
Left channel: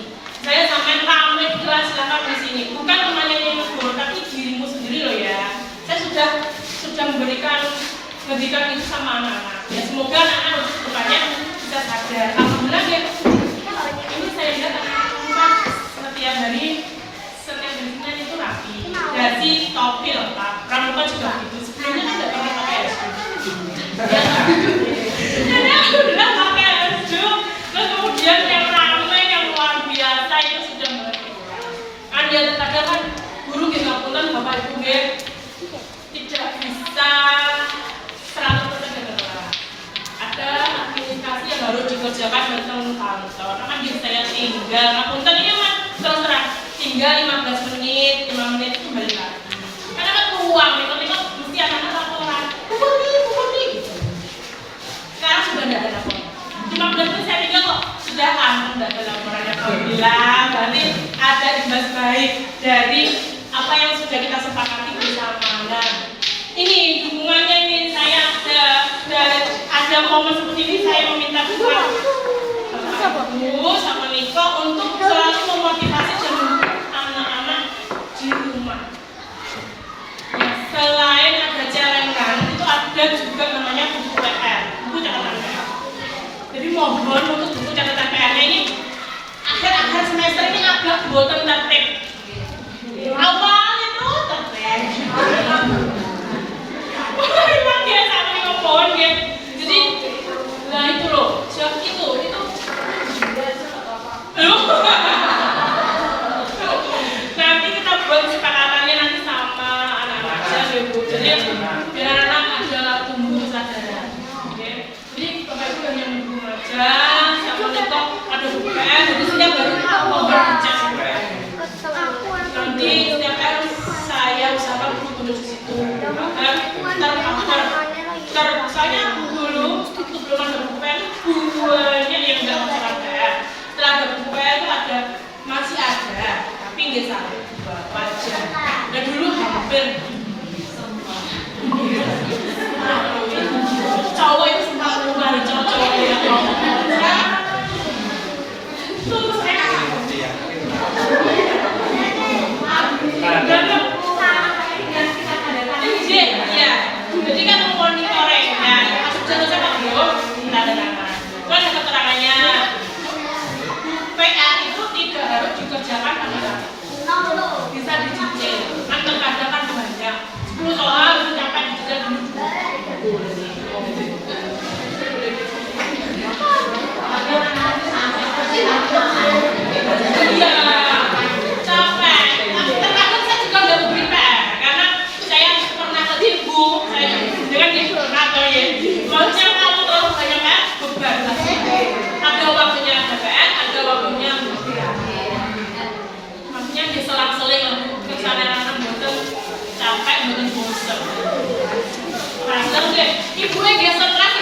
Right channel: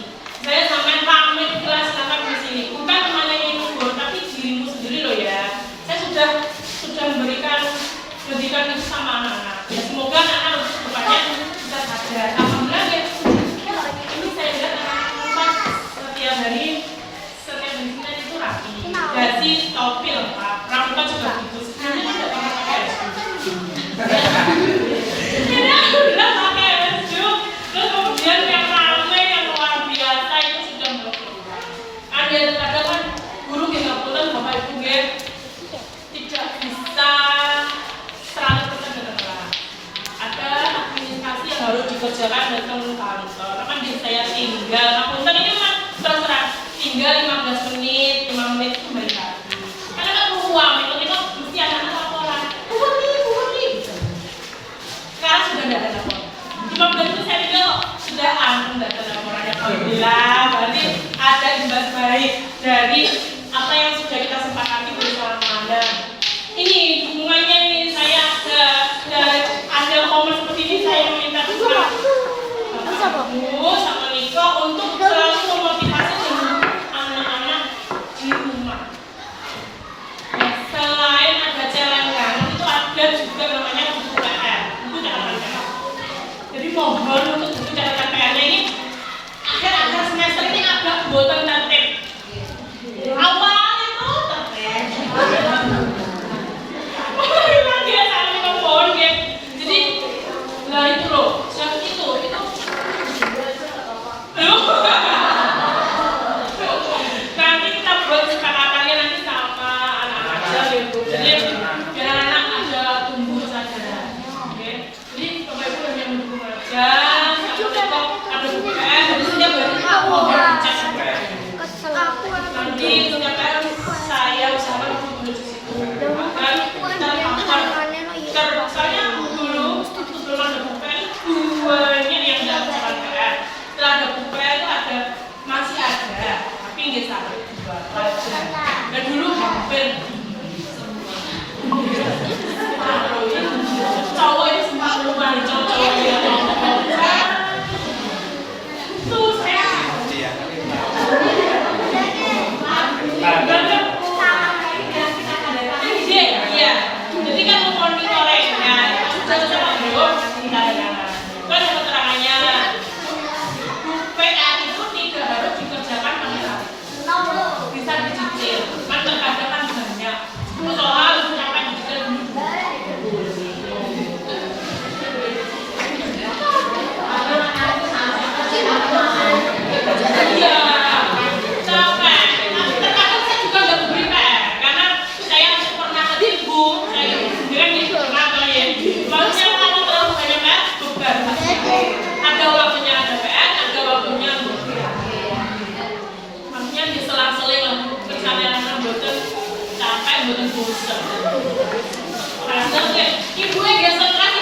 Saya sampean pamit kelas, silakan mengisi ini. Bukan temannya yang negur, tapi dirimu sendiri loh ya. Saya sudah memberikan pendidikan itu sama anak-anak. Ya semoga anak-anak untuk depannya bisa sadar. Alhamdulillah ya. Ini saya lihat anak-anak setiap hari Senin itu rapi. Jadi topi lengkap, pramuka juga gitu. Sebelumnya tidak pernah pakai baju. Jadi alhamdulillah pakai baju. Terus kemudian yang ramai, yang luar biasa itu sudah mulai. Ada terkadang kan guru nggak pulang, bapak ibu tidak bisa 100% dengan orang. Ada komunikasi yang harus dikerjakan datang kantor. Kan saya tinggal, ngapunten ini kan terserah tinggal 15 menit, 5 menit itu balik lagi. Karena kan ruang, itu mesti anak-anak laporan. Putri, gitu. Sekarang sudah tidak ada laporan. 15 menit saya tinggal kok sudah aman, tidak ada laporannya. Alhamdulillah, berarti ada imbas baik dari apa yang sudah kita sepakati bersama. Nah, ini dukungannya ini saya ada momen seperti ini saya meminta kepada Bu sama Niko untuk selalu memotivasi anak-anak di rumah. Nah, selain ada celengan, itu ada juga namanya buku PR, buku catatan PR. Jadi mohon untuk buku catatan PR-nya ini akhir semester ini agak boten tertib. Awal itu tertib. Memang dia sampai ngomong dia. Jadi, nah itu loh, siapa itu. Nanti kita buat kesepakatannya nanti sama anak-anak aja gitu. Jadi biar anak ada tumbuh kesadaran. Okay. Jadi bapak ibu hanya mendukung aja. Sama kita ada bukan. Jadi setiap hari mau bercek. Nanti setiap hari saya usahakan dulu di situ. Agar saya dulu belum ada bukan banyak yang dalam celana. Setelah ada bukan itu ada masih ada, tapi nggak sampai dua wajar. Dan dulu hampir semua. Cowok itu sempat rumah di cowok-cowok yang ngomong. Tuh saya. Jadi kan monitoring ya, jangan sama belum kita dengar. Kan keterangannya PA itu tidak harus dikerjakan pada saat itu. Bisa dicicil. Kan terkadang kan banyak. Soal sampai dicicil dulu. Iya. Capek. Terkadang saya juga nggak beri PR karena saya pernah ketipu. Dengan itu kenapa ya? Kalau siapa kamu terlalu banyak kan, beban. Ada waktunya PPN, ada waktunya maksudnya diselang-seling lah. Misalnya anak boten capek, boten bosan. Rasa deh, ibunya dia stres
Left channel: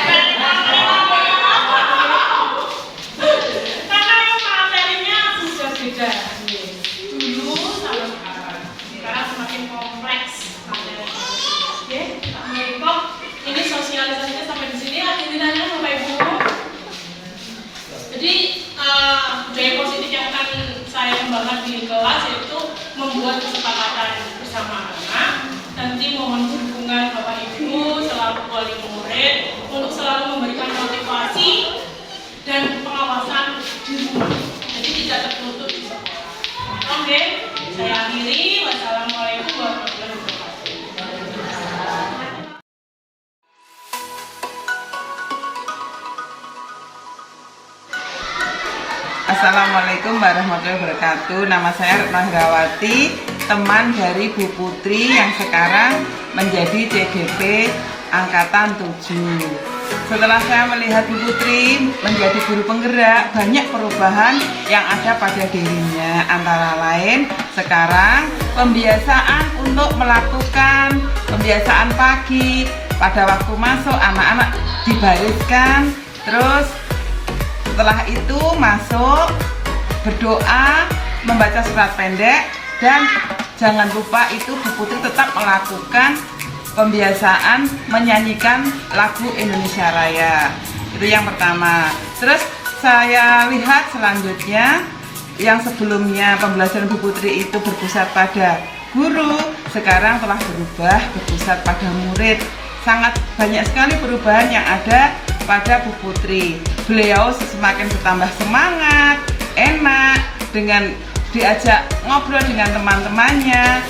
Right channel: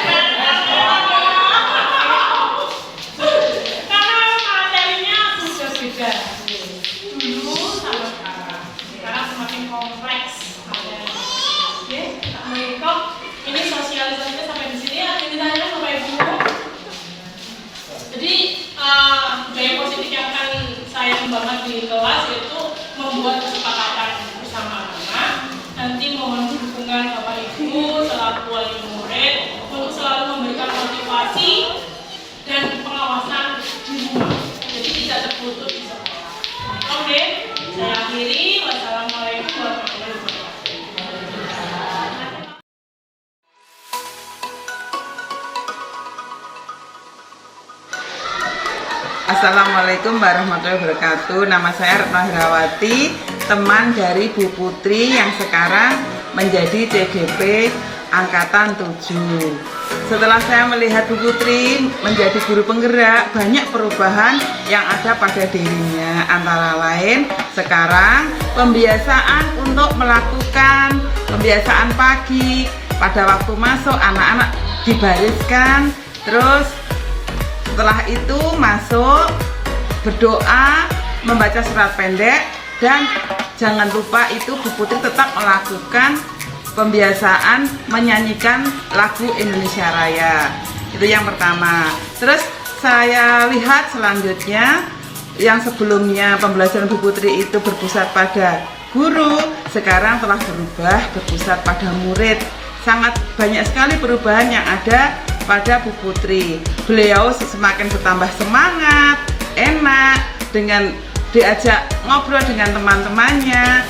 karena memang materinya sudah beda. Dulu sama sekarang. Sekarang semakin kompleks materinya. Oke, Kak Maiko, ini sosialisasinya sampai di sini ya, ditanya sama Ibu. Jadi budaya positif yang akan saya kembangkan di kelas yaitu membuat kesepakatan bersama anak. Nanti mohon dukungan Bapak Ibu selaku wali murid untuk Assalamualaikum warahmatullahi wabarakatuh. Nama saya Retno Herawati, teman dari Bu Putri yang sekarang menjadi CDP Angkatan 7. Setelah saya melihat Bu Putri menjadi guru penggerak, banyak perubahan yang ada pada dirinya. Antara lain, sekarang pembiasaan untuk melakukan pembiasaan pagi. Pada waktu masuk, anak-anak dibariskan, terus setelah itu masuk, berdoa, membaca surat pendek, dan jangan lupa itu Bu Putri tetap melakukan pembiasaan menyanyikan lagu Indonesia Raya. Itu yang pertama. Terus saya lihat selanjutnya, yang sebelumnya pembelajaran Bu Putri itu berpusat pada guru, sekarang telah berubah berpusat pada murid. Sangat banyak sekali perubahan yang ada pada Bu Putri. Beliau semakin bertambah semangat, enak, dengan diajak ngobrol dengan teman-temannya.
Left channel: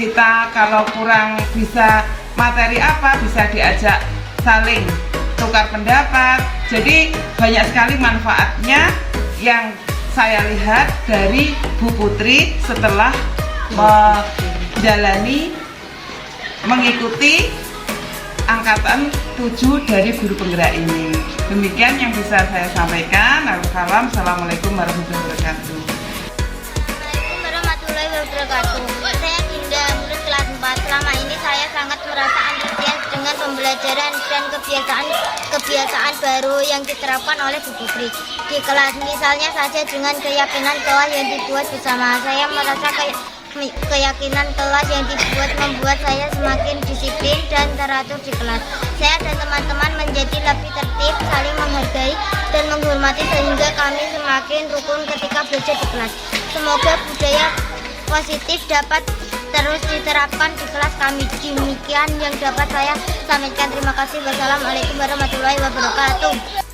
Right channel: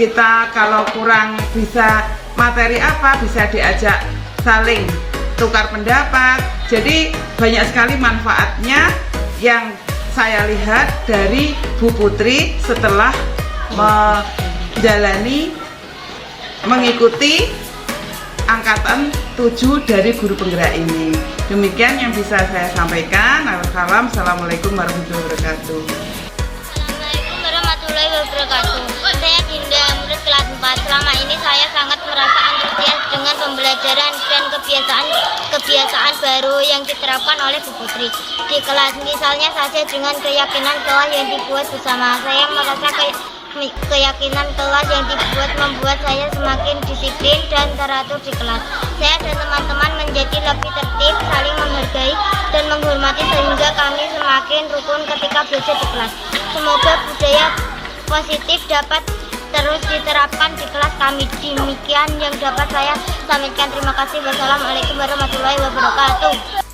Kita kalau kurang bisa materi apa, bisa diajak saling tukar pendapat. Jadi banyak sekali manfaatnya yang saya lihat dari Bu Putri setelah mengikuti Angkatan 7 dari guru penggerak ini. Demikian yang bisa saya sampaikan. Assalamualaikum warahmatullahi wabarakatuh. Assalamualaikum warahmatullahi wabarakatuh. Saya Dinda, murid kelas 4. Selama ini saya sangat merasa antusias dengan pembelajaran dan kebiasaan baru yang diterapkan oleh Bu Putri di kelas. Misalnya saja dengan keyakinan kelas yang dibuat bersama. Saya merasa keyakinan kelas yang membuat saya semakin disiplin dan teratur di kelas. Saya dan teman-teman menjadi lebih tertib, saling menghargai dan menghormati sehingga kami semakin rukun ketika belajar di kelas. Semoga budaya positif dapat terus diterapkan di kelas kami. Demikian yang dapat saya sampaikan. Terima kasih. Wassalamualaikum warahmatullahi wabarakatuh.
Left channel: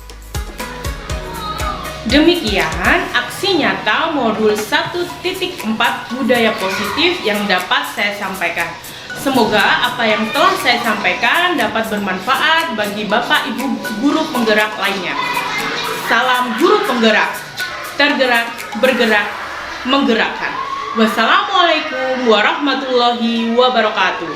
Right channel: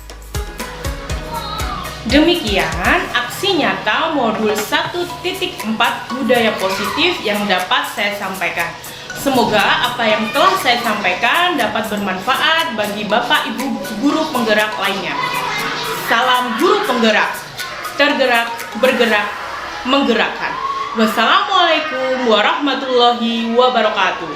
Demikian aksi nyata modul 1.4 budaya positif yang dapat saya sampaikan. Semoga apa yang telah saya sampaikan dapat bermanfaat bagi Bapak Ibu guru penggerak lainnya. Salam guru penggerak, tergerak, bergerak, menggerakkan. Wassalamualaikum warahmatullahi wabarakatuh.